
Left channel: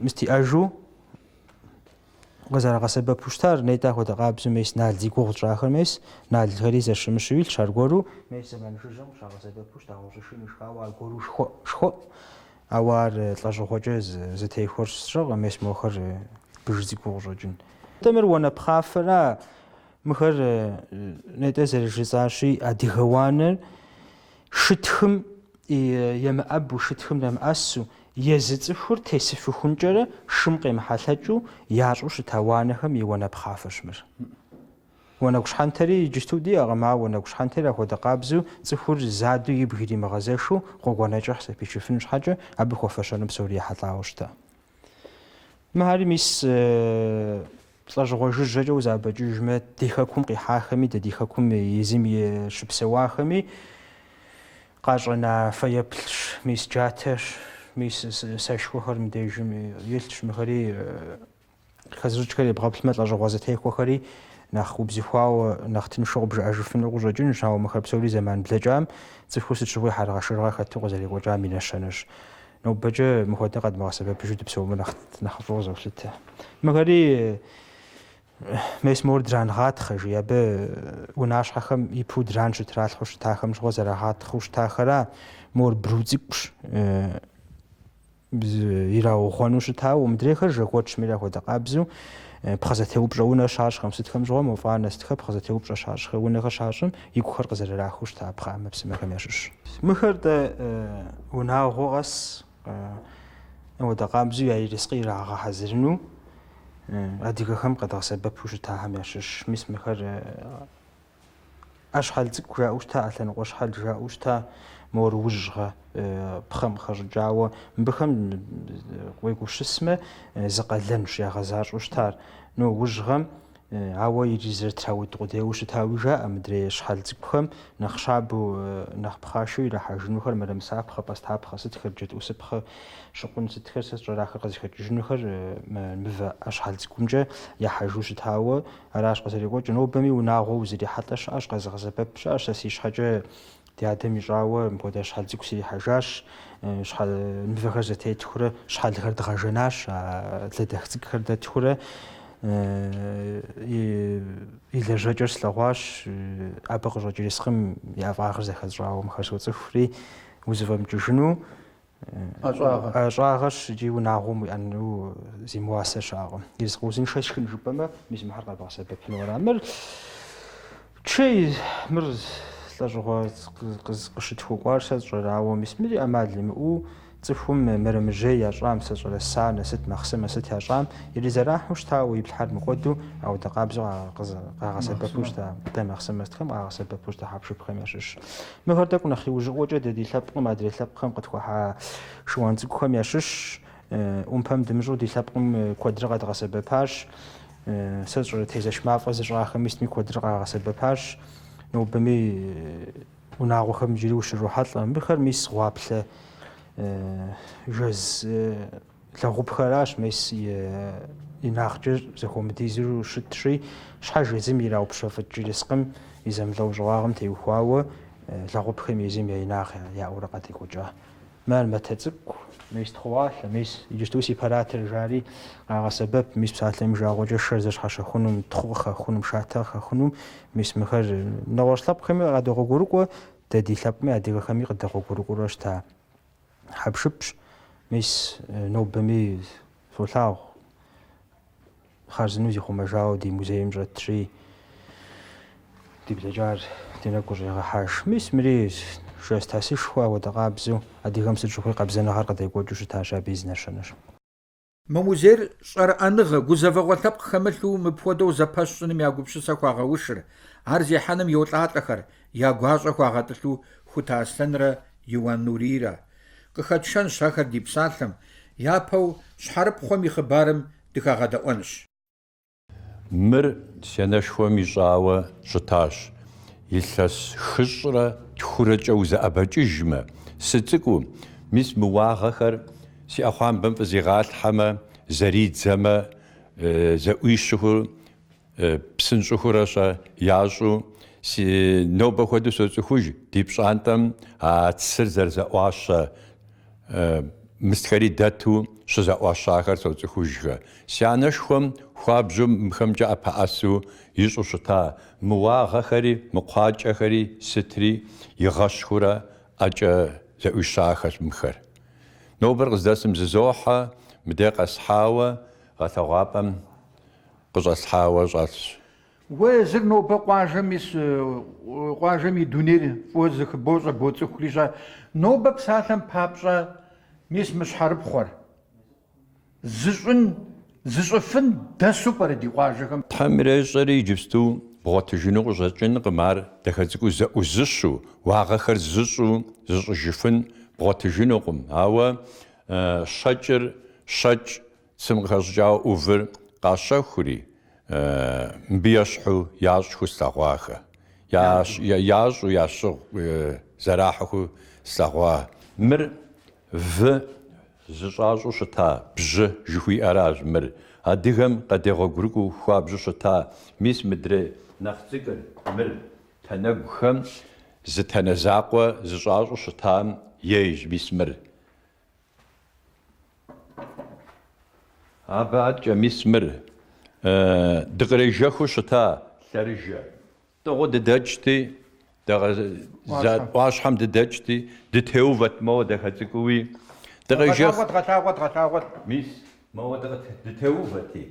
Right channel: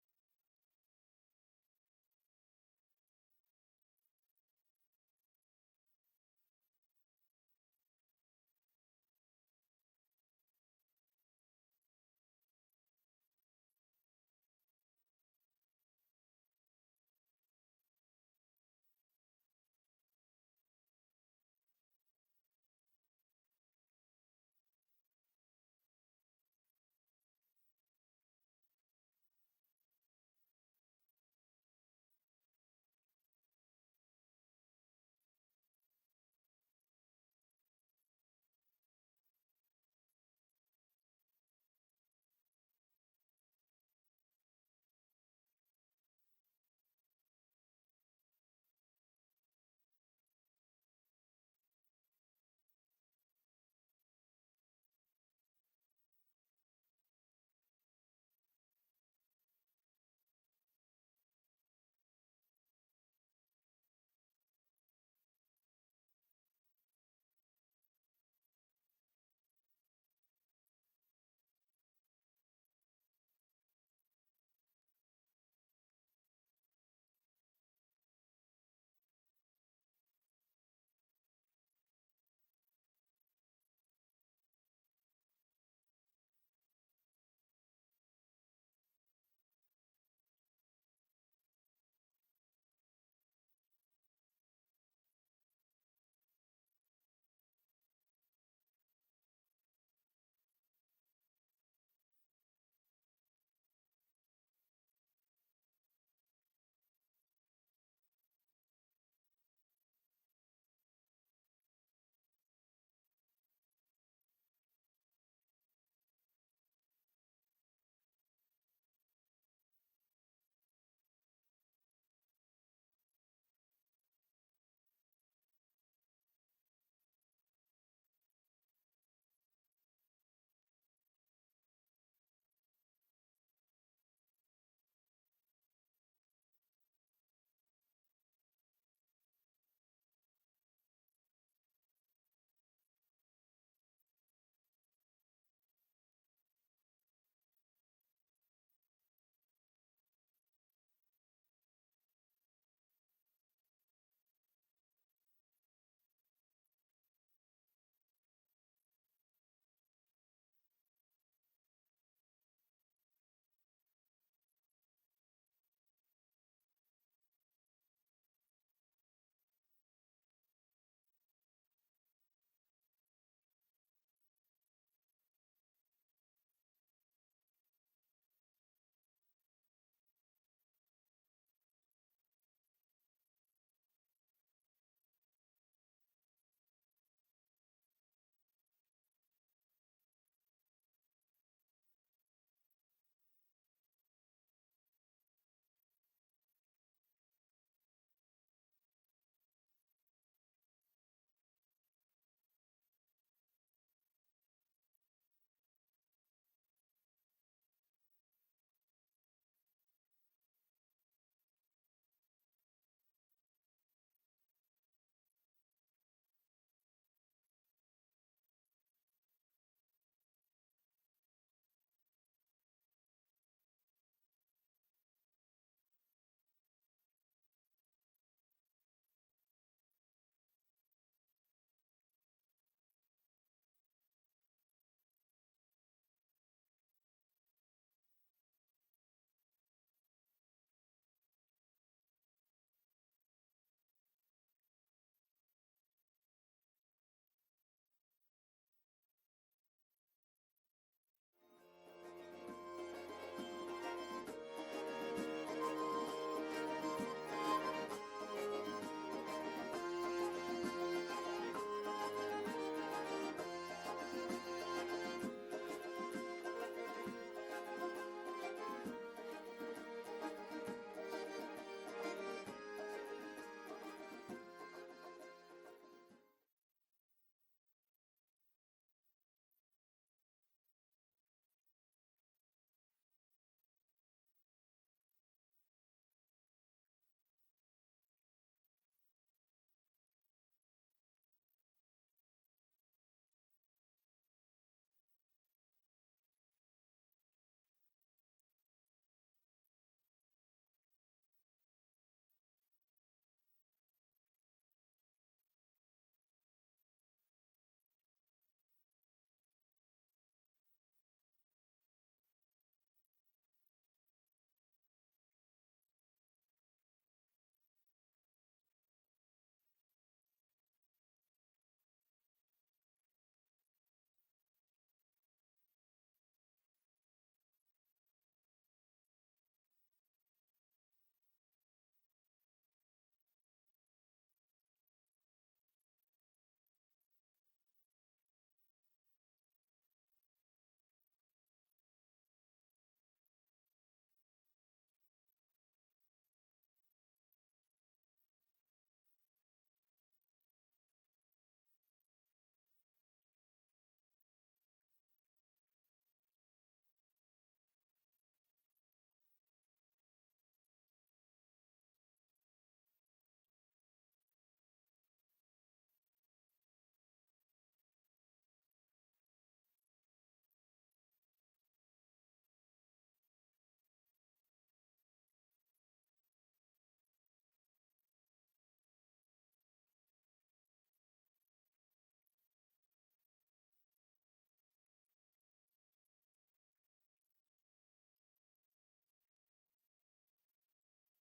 мыстиӀэжу къызэрагъэсэбэпу щытар. НетӀэ апхуэдэ къабзэу мис нал зи гугъу щӀахэр мис налхэри зэщымыщу илъщ аргуэру мис зэман жыжьэм къыщагъэсэбэпу щыта гъущӀышым ишхауэ аргуэру шхуэӀу. Ауэ ар лӀэщӀыгъуэкӀэ зытехуэр сщӀэкъым, мис мохэр быж зи гугъу щӀэкӀын. Мыр уанэпхъафэра. Мыхэр нетӀэ зэрыжысӀащи адыгэ уанэр шытхым емыӀэбу, шытхым нэмыӀэсу, езы цӀыхур тесыфыхункӀэрэ шым къемыхьэлъэкӀыу ящӀу щыта уанэхэм и уанэпхъафэщ мыр. Уанэгу щхьэнтэри иджысту диӀэкъым, ауэ уанэгу щхьэнтэри апхуэдэ къабзэу цӀыхур заду игу иримыгъэзэшу гъуэгуанэкӀэ зэпичыфын щхьэкӀэ абы хуэфэщэну псори ехьэлӀауэ щыта. Мыхьэри мис лӀэжьыгъуэ жыжьэкӀэ узабэкӀыжмэ, ди хэкум къихьахэми, ди хэкум езым щыпсэуахэми къащӀэна фэеплъщ, мис джатэщ, мис сэшхуэхэр мыбдежым илъщ. Мыхэри хэзыркӀхэр ебгъэплъмэ, лӀэжьыгъуэ зэтехуэхэри нэхъ убзыхуауэ, нэхъ тыншу къыбжыӀэжыфыну къыщӀэкӀынущ, ауэ мыхэр псори зэман блэкӀам цӀыхур сыт щыгъуи хьэргъэшыргъэ хэту къызэрекӀуэкӀам и нэщэнэщ. НобэкӀэ мыхуэдэ къэдмыгъэсэбэпыжу дыпсэумэ нэхъ фӀыуэ золъытэ. Мыхэри мес мор дрангъатхъэжи, абы унащхьэхэм ипу дран щытралъхьу щытахэм щыгъуэ зэрагъатхъыу щытахэра мор бру цӀыкӀущ ираугъуэну щытауэ. Умыдрейхэр жэгуэтщ, мыри апхуэдэ къабзэу пхъэзэтеупщӀэ унэ щащӀхэм сытхэм щыгъуэ мофӀанэ сытхэр пхъэзэтеупщӀэ щащӀхэ унэхэр щащӀым игухэр къызэрырахыу щыта пхъэ Ӏэмэпсымэхэм ящыщ. Мыхэр дэ унагъуэ къэс апхуэдэ къабзэу я ерыскъы ирагъэхьэзырыну адыгэхэм къэдгъэсэбэпу щытахэм ящыщ. Мис мыхэр Ӏэщхьэл цӀыкӀу жаӀэу щыта, Ӏэлъэныкъуэ щхьэл жаӀэу щыта, мор ужьгъэ пхъэм къыхэщӀыкӀауэ мыбыхэм къуегушысмэ зы къалэнщ ягъэзащӀэу щытар. Ужьгъэм ауэ иризэрытрауид къудейуэ щытауи жаӀэ мыдрей щхьэл цӀыкӀухэм нэхъ щабэу, нэхъ пхъашэу ирахьэжынухэр мырэмысапхъэ, пӀастапхъэ, сытхэр джэдӀусыпхъэ щыкъун сытхэр сэ щӀэрахэр къызыхэкӀыжынухэр мывэ щхьэл цӀыкӀумкӀэ яхьэжу щытауэ аращ къызэрекӀуэкӀыр. Нобэми унагъуэ узэрихьэлӀэ щыӀэщ, къэзыгъэсэбэп щыӀэщ. Сэ си щхьэкӀэ ди адэм ищӀауэ мыпхуэдэ щхьэл цӀыкӀу сирихьэжащ, мывэхэр зэтетхурэ щхьэлхэр дгъэжэнащ, лэдэх цӀыкӀухэр дэтхурэ и лэжьэкӀэр слъэгъуащ, абы къыщӀэкӀ ерыскъым я фӀагъыр зэхэщӀауэ мыхэр соцӀыхури узэфӀэмыкӀыжыну щӀагъэщ икӀи унагъуэм уиӀэну зимыуасэ щыӀэкъым. Ерыскъы узыншэ сшхын жыпӀэмэ, мис мыхьэр къэбгъэсэбэпынура. Мыр чей, мыр лӀэщӀыгъуэ къыщытхукъуар сэ сщӀэрауэ, мис мыри Ӏэмал имыӀэу цӀыхум мэрэмэжьей ящӀам, сэ щӀэрэса, насыт махъсымэ сыт ящӀам, иризэрахьу щытауэ и плъхьэр мыкӀуэду, ауэдэ къабзэу къагъэсэбэпу щыта, дэ махъсымэ стхэм къагъэсэбэпу щыта хьэпшыпхэм ящыщ. Мыхэр тӀэкӀу нэхъ иужьыӀуэкӀэ дэ ди лъэпкъым, адрей лъэпкъхэм къытхуахьа шыуан цӀыкӀухэм ящыщ. Ӏумпэм дымыщӀу ди лъэпкъым куэдрэ къэдгъэсэбэпащ. Сэ сщӀэрэ тезэш мафӀэ зыщӀахэм исми куэдрэ къагъэсэбэпащ. Нобэми унагъуэхэм иджыри ущрохьэлӀэ. Мыхэр мис гъуаплъэ жэз лэгъупхэращ, мис и накъкӀэ зэхуэмыдизу щытщи, щхьэж езым ираупщэфыкӀ ерыскъым и зэмылӀэу щӀыуагъым теухуауэ лэгъупхэм езым я инагъ яӀуурэ къадекӀуэкӀа. Мэр мэтэ цӀыкӀу, мис тхъуалъэ, мис иджыпсту сепаратор жари къагъэсэбэп, мис псалъэм и жагъуэкӀэ шэр зэщхьэщэхъунум, тхъу къыхэхъунум, шатэ къыхэхъунум, мис мыхэр нэгъуэщӀ лъэпкъхэми къадогъуэгурыкӀуэ, дэ ди лъэпкъми адрейхэми къыдэгъуэгурыкӀуэрэ щыта хьэпшыпщ. Мис нобэми солъагъу хъарзынэу зихъумэжауэ ди музейм щӀэтщи, ди блэкӀар ди нэгу къыщӀегъэхьэж. Мис мыри жэз тасышхуэ ауэдэ къабзэу адыгэм сыт щыгъуи къабзэныгъэр къыдекӀуэкӀыу щытащ, абы и зэнэшэнэщ. Мы музейр щӀэрыӀэныгъэ, гузэвэгъуэ лъэпкъ хэмылъу мыпхуэдэу зэпэщӀыным я гупсысэ хуагъэушыр, ар зехьэным йолӀатӀэхэр, я гуащӀэ хуагъэтӀылъу Хут Аслъэнрэ Иуан Нурийрэ. Къыхэтшэнщ ахэр ди псалъэм, япэу щхьэрыпхъуэм и хъыбарым дыхагъэдэӀуэнщ. Мыр сенэшхуэм ищӀауэ щытащ. Илъэс хыщӀрэ тхурэкӀэ узэӀэбэкӀыжмэ, сыцӀыкӀуу, мис мы уагъэхэр си Ӏэхъуамбэм фӀызигъалъхьэмэ, зэридзэмэ, зэӀуищыху, псынщӀыхурэ ящӀу, си нобэ хуэдэу соцӀыхуж ди пщӀантӀэм а цыр зэрызэӀуащэ мыстхэри дэту щызэӀуащахэр соцӀыхужхэ. Си анэшхуэм хуабжьу мыхэмкӀэ ӀэпэӀэсу ищӀу щыта мы уагъэхэри, мы кхъуакӀэхэри сытри игъэщхурэ ӀэкӀэ зэӀуищахэщ мыхэр. Нобэр къыздэсым зызохьэ, мыдэ къэсхьауэ, гъэтэгъуапӀэм къыщӀэслъхьауэ щӀэлъщ. Уэ зыр нобэ къуажэм и дунейр фӀыуэ зыхыбоу щӀэбоцӀыхури щӀэ. Нобэ псалъэм папщӀэ мис мы щхьэрыпхъуэр зыщӀыфын дэсу пӀэрэ ди къуажэхэм? Тхьэм ирещӀэри иджыпсту бгъуэтыжыну къыщӀэкӀынкъым, ар дахэ цӀыкӀуу зэӀузыщу, уагъэхэр зыщӀу зыщӀыжыфын бгъуэтыжынукъым. Ауэ щэкӀыр щэкӀ цым къыхэщӀыкӀауэ Ӏувыр къащэхури, мыбы ещхьу ящӀху слъэгъуахэ. ЯщӀу ящыгъу зэрахьэху слъэгъуа. Мыр вы зыщӀащӀу щыта, бжьы жыхуиӀэращ мыр. Адыгэм къэдегъуэгурыкӀуэу хуабжьу щыта. Мис мыдрей нэхъ цӀыкӀыр мыр тэнэгухэм зы тэнэ закъуэ зыщӀащӀу щытам ейщ мис мыр. АбыӀэкӀэ мис мыр дыкърежэху щыта лъэрыжэ. Дыгъу дыдэкӀти, Ӏуащхьэм дыдэкӀти, дытеувэт моуэ дахэ цӀыкӀуи. Дгъэлъагъуэт. Мис моуэ дытеуvēти.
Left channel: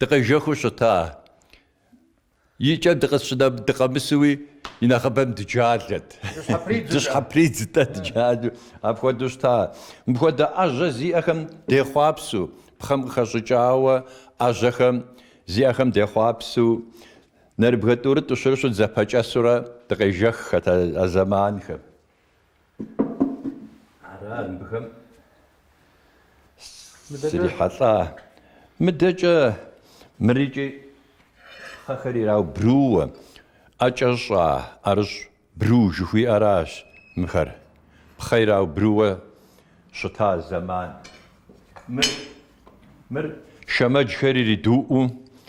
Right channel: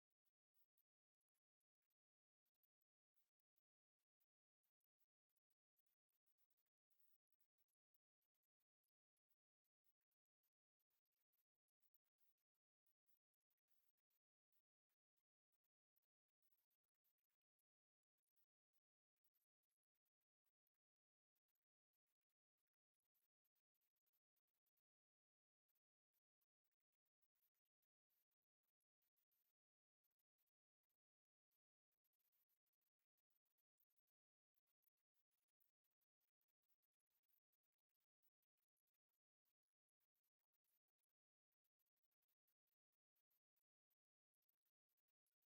Дыкъежэху щыта. ИкӀэ дыкъэмысуи и нэхъыбэм дыджалэт. Дыщхьэпридзытэ дыджалэу. Апхуэдэу щыта. Мыпхуэдэ Ӏэжьэ зиӀэхэм дехъуапсэу, пхъэм къыхэщӀыкӀауэ Ӏэжьэхэм зиӀэхэм дехъуапсэу, нэрыбгэ тӀурытӀу щырщу зэпэкӀэсурэ дыкъежэххэт а зэманхэм. Арат мыхэм срихьэлӀа. МыдэкӀэ мырикӀи пхъэхэр ираубрууэ, ӀэкӀэ щӀа, ӀэрыщӀ бру жыхуиӀэращ мыхэр. Пхъэ ираубрууэ щыта зэман. Мыр шэмэджхэр иридуӀуу,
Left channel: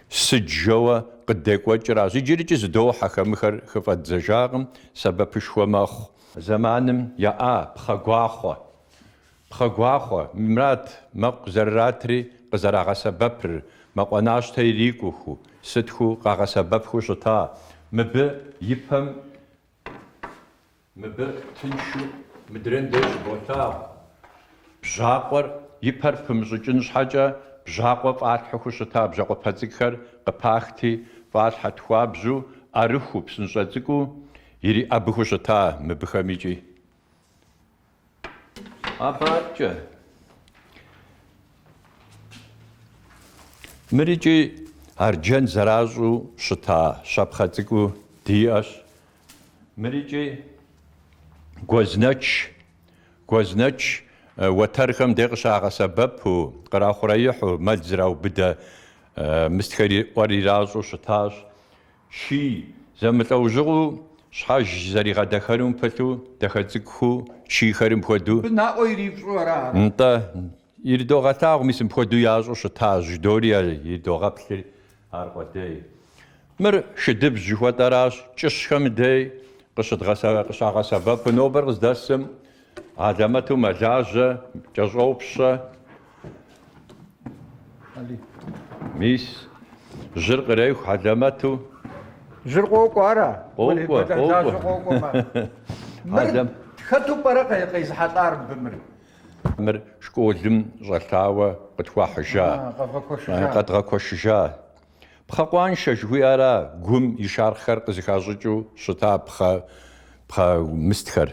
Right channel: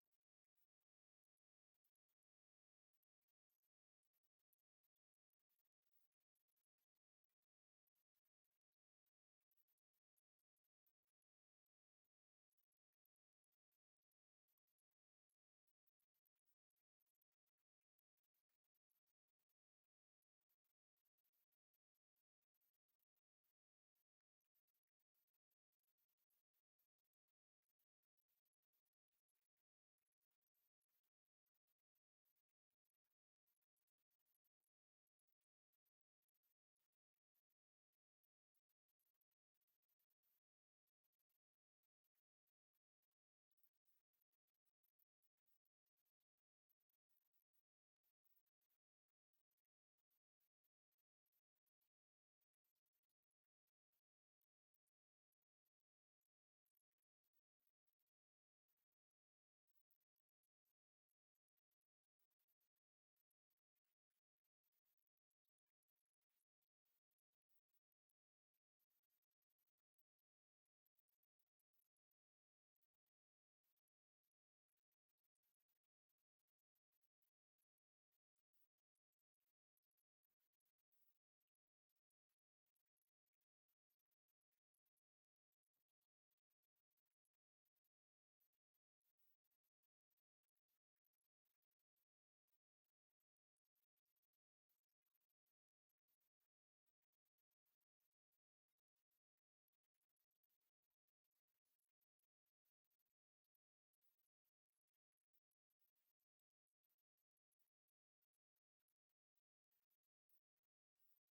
сыджэуэ къыдекӀуэкӀращ. ИджырыкӀи зыдохьэ хэмыхэр хыфӀэдзэжакъым, сэбэпышхуэ мэхъу. Зэманым яӀа пхъэгуахъуэ. Пхъэгуахъуэ, мурат мэкъу зэрратри къызэрагъэсэбэпыр, мэкъуанащтэ ирикӀуху, сытху къагъэсэбэпху щыта. Мыбы ипэм, мыбы тыншу мыдрын деж болъагъу. Бжьакъуэр ипэр пымыщӀыкӀын щхьэкӀэ бжьакъуэ фӀалъхьэху щыта. Бжьакъуэпэ цӀыкӀухэр къыпахти фӀалъхьэ тхуабжьу, Ӏэрыхуу, псынщӀэ цӀыкӀуу ириӀэбыху щыта мыбыхэм икӀи. Абаркӏэ. Мырикӏи арджэн зэращӏу щыта щапхъэ цӏыкӏу диӏэщ. Мырикӏи гуэзнэч уэтэрхэм де къыщагъэсэбэпу, кърахъуреихьу, мэл зраубыдэ мыстхэри ӏуэр иращӏу щытащ. Ший зэмылӏэужьыгъуу щхьэж зэригъэдэхэнум пылъу дахэ цӏыкӏуху шийхэри мыпхуэдэу наӏуэ ирипщӏу ара. НтӀэ иридогъэлъагъу, мис мыпхуэдэу ящӏу щыта, жьдори иридогъэплъыр ар къудей. Мыр шыдыбжь жыхуэтӏэращ, кӏыщхэм дей къыщагъэсэбэпу нобэр къыздэсым алэмэту мэлажьэ, кӏэщӏопщэ, мис жьыр къреху алэмэту. Жьыр къокӏуэ ара? Къокӏуэ. Мыр хэту пӏэрэ къезыхьэлӏар мыбы? Мыр школым щӏэлъауэ къытхуахьыжа, къэдгъэкуэшыжа. Пхъэкъуаншэ жыхуиӏэра гум и шархъхэр къызыхащӏыкӏыу щыта пхъэ мыстхэр.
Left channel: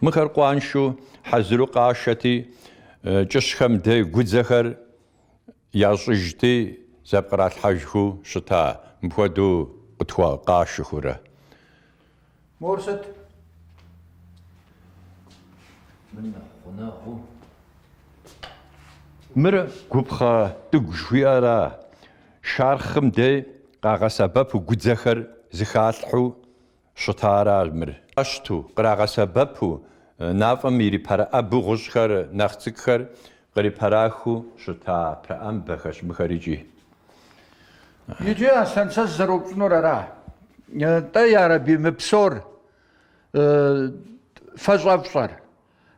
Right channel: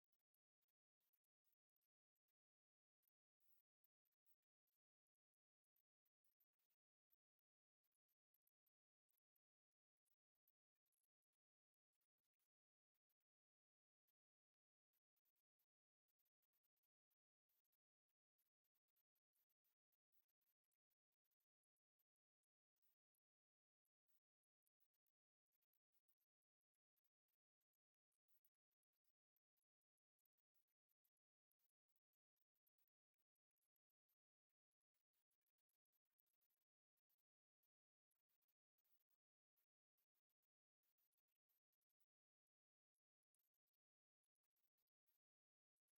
Мыхэр къуаншэу хьэзыру къашэти, кӏыщхэм дей гудзэхэр ящӏыжти, зэпкъралъхьэжху щыта. Мыпхуэдэу къытхуакъашыхурэ. Мор сыт? Мыр гупхъэ тӏыгу жыхуиӏэра. Шархъым дей къагъэсэбэпу гудзэхэр зыхалъхьу щытара мыр. Ӏэщту кърагъэсэбэпу нафӏэм ирипэрыӏэбу гъущӏхэр нэхъ цӏыкӏухэр кърипэрахыу щыта прэӏэмбэхэщ мыхэр икӏи. Иджы Аслъэн сэ зэропщӏынур ара. ТӀэ ярэби мы псор фэщӏэфщӏэр.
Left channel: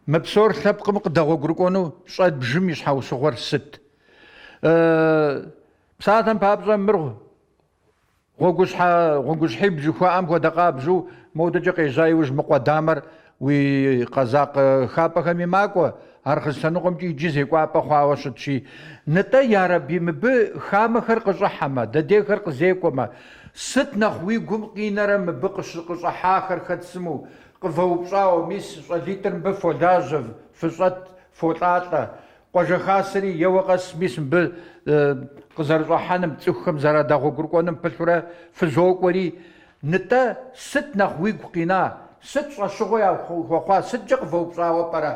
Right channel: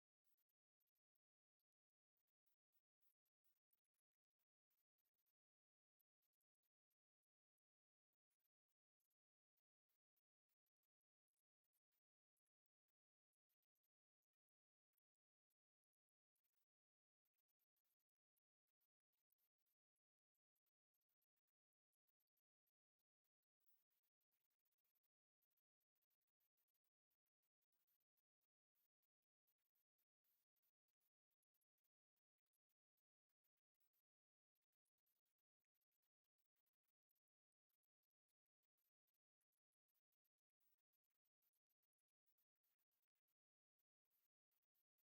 Мы псор лъэпкъым къыдэгъуэгурыкӏуэну щӏэт бжым и щхьэусыгъуэр сыт? Псалъэм папщӏэ мыр гъуэгущхьиб жыхуаӏэм хуэдэ къабжьу модэкӏэ къежьа иужь мы къуэдамэр уи къэзакъ хапӏэхэм и макӏуэ. Ар хъыстаныкъуэмкӏи иджы зекӏуапӏэ хъуауэ щытщи. НтӀэ ярэби мыбы хамэхэр къыщӏыхьэмэ, дэдейхэр къызекӏуэмэ, сыт нэхъ уи гум къинэрэ мыбы къыщӏыхьахэр хэт сыму къывэупщӏауэ, мис щӏалитӏыр мыбы фолажьэ, фыщӏэт, фолӏалӏэ, къуажэхасэри еуэ къэс мис мыбы къызэрыщӏыхьэным, цӏыхухэм зэрадэгъуэгурыкӏуэным пылъурэ фызокӏуэри. НтӀэ сыт нэхъ уигу къина? Сыт щӏэщыгъуэ яхуэхъуа? Сыткӏэ къывэупщӏауэ пӏэрэ?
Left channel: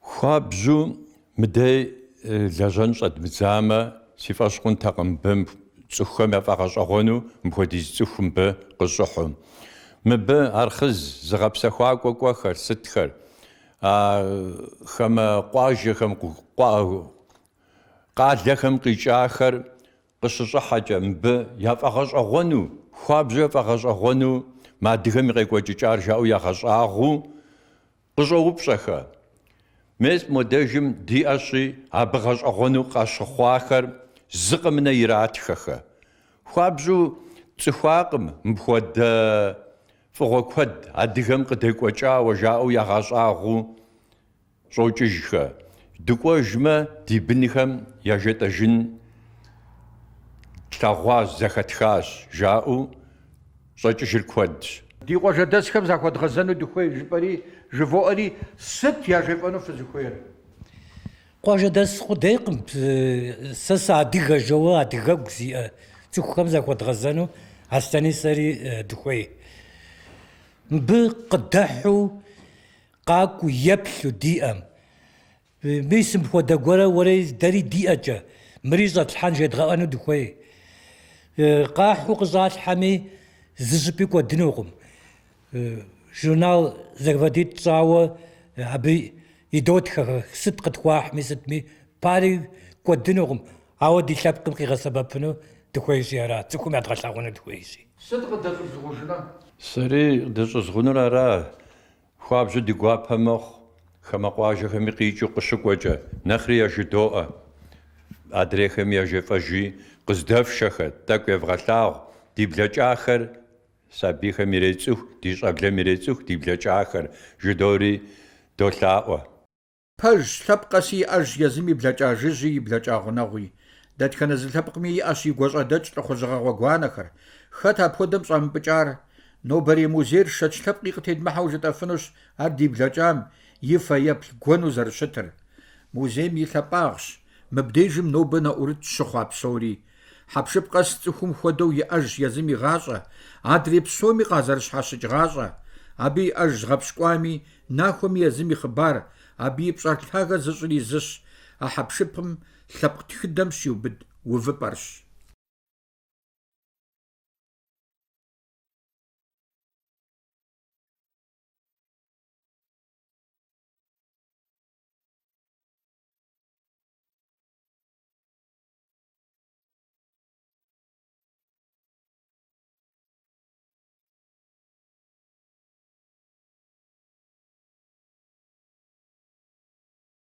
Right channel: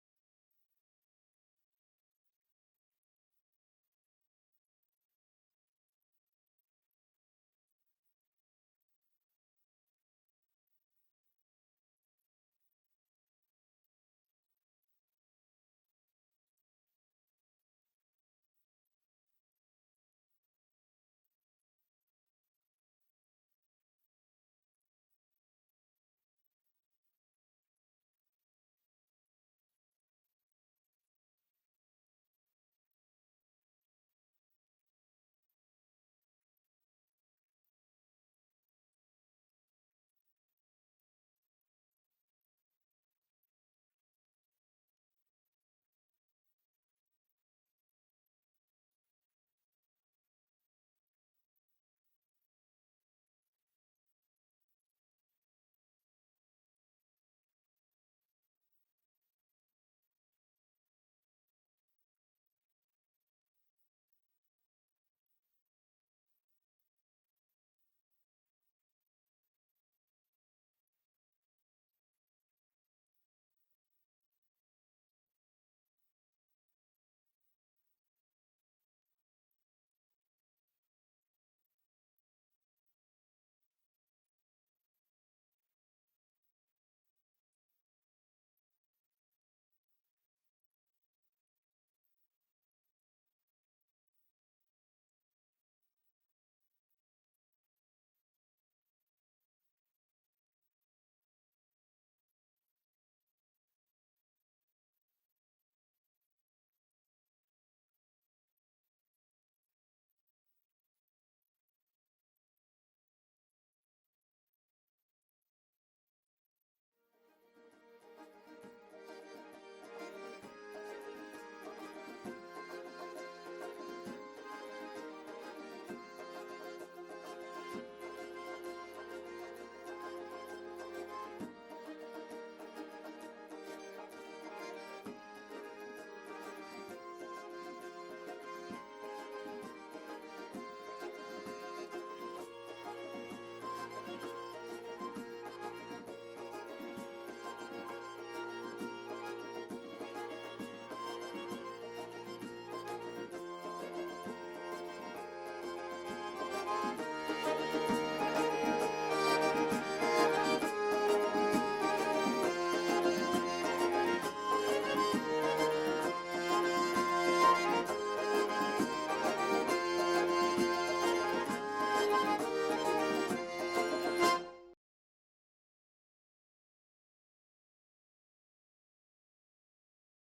Хуабжьу мыдей лэжьэн щӏэдмыдзамэ, си фӏэщ хъунтэкъым мыбы цӏыхухэм яфӏэгъэщӏэгъуэну мыпхуэдиз цӏыху мыбы къыщӏыхьу. Мыбы архъыз зыгъэпсэхуакӏуэ кӏуэхэр сытхэр, хамэ къуажэхэм, къалэхэм къикӏахэр къыщыщӏыхьэкӏэ мыбы яфӏэгъэщӏэгъуэну, хуабжьу яфӏэгъэщӏэгъуэну, мы адыгэм и къекӏуэкӏыкӏар жаӏэу ягъэщӏагъуу къыщӏоупщӏэхэ. Мес модэжым диӏэщи, абы гъэщӏэгъуэну къащыхъуахэр зы къымынэ иратхэхэ. Хуабжьу цӏыхуакъым мыпхуэдэ фӏыгъуэ куэд адыгэм къыдекӏуэкӏауэ жаӏэу ягъэщӏагъуу щӏокӏыжхэ. Дыкӏуэжмэ, ди бынхэм яжетӏэжын тлъэгъуащ, зэхэтхащ жаӏэу щӏэкӏыжыр куэдщ. Ди къуажэдэсхэм захуэдгъэзэну дыхуей жыпӏэри жывоӏэри сыт яжепӏэну фызыхуейр? Къуажэдэс хъудейкъым. Сэ сыадыгэ жэуэ адыгэгу зиӏэ цӏыхухэм захуэдгъэзэну Аслъэни сэри дыхуей. Мыбы къыдыхьу къакӏуи еплъу диӏэм. Мис мыпхуэдэ гуэрэ уэри дэри диӏэкӏэ мыри щӏэтлъхьэн жедгъэӏэну дыхуей. Къахьу къыщӏалъхьэми зы щӏыпӏи кӏуэдынукъым. Журнал зэрыфӏэдитӏ щӏауэ абы идотхэ сыт къытхуахьми сытми пари кӏуэдынукъым. ауэ ди лъэпкъым къигъэсэбэпыну дыхуейщи ара, цӏыхум ядгъэлъэгъуэну дыхуейщи. Сыт къыдэщӏызгъужынэ? Сэри дыщӏызгъунур ара. Хуабжьу ди гуапэ мэхъу. Хамэ къуажэхэми къикӏыу къыщыкӏуэкӏэ. Нэхъри яжыдоӏэ. Адрейхэми яжефӏэжи къыздэфшэхэр, тӏэкӏу евгъэлъагъу. Ди блэкӏахэр сабийхэм ирецӏыху, ди щӏэблэм ирецӏыху, ди блэкӏахэр жыдори долъаӏуэ. Пэж лъэпкъ къэси иӏэж езым и блэкӏа жыжьи и блэкӏа гъунэгъуи. Дэтхэнэ зы лъэпкъми иӏэщ и гуащӏэдэкӏ лӏыхъужьыгъэ гъуанэхэр. Хэт апхуэдэм щӏэмыпӏыкӏар? Нобэрей музейр шэч лъэпкъи къытедмыхьэу жытӏэфынущ ар ди блэкӏам и фэ еплъ гуэну зэрыщытыр. Музейм и лъэпӏагъщ. Мыбдежым нобэ нэӏурыт щыхъуа псори. Хьэпшып къэс цӏыхум хуэдэу иӏэж езым игъащӏэ, адрей псоми къазэрыщхьэщыкӏ гъащӏэ. Абы иӏэж згъэпщкӏуами, нахуэми езым и хъыбар, абы и пщӏэр лъагэ зыщӏыр и зыщ, а хьэпшыпым лъэпкъ тхыдэм щиубыд увыпӏэрщ.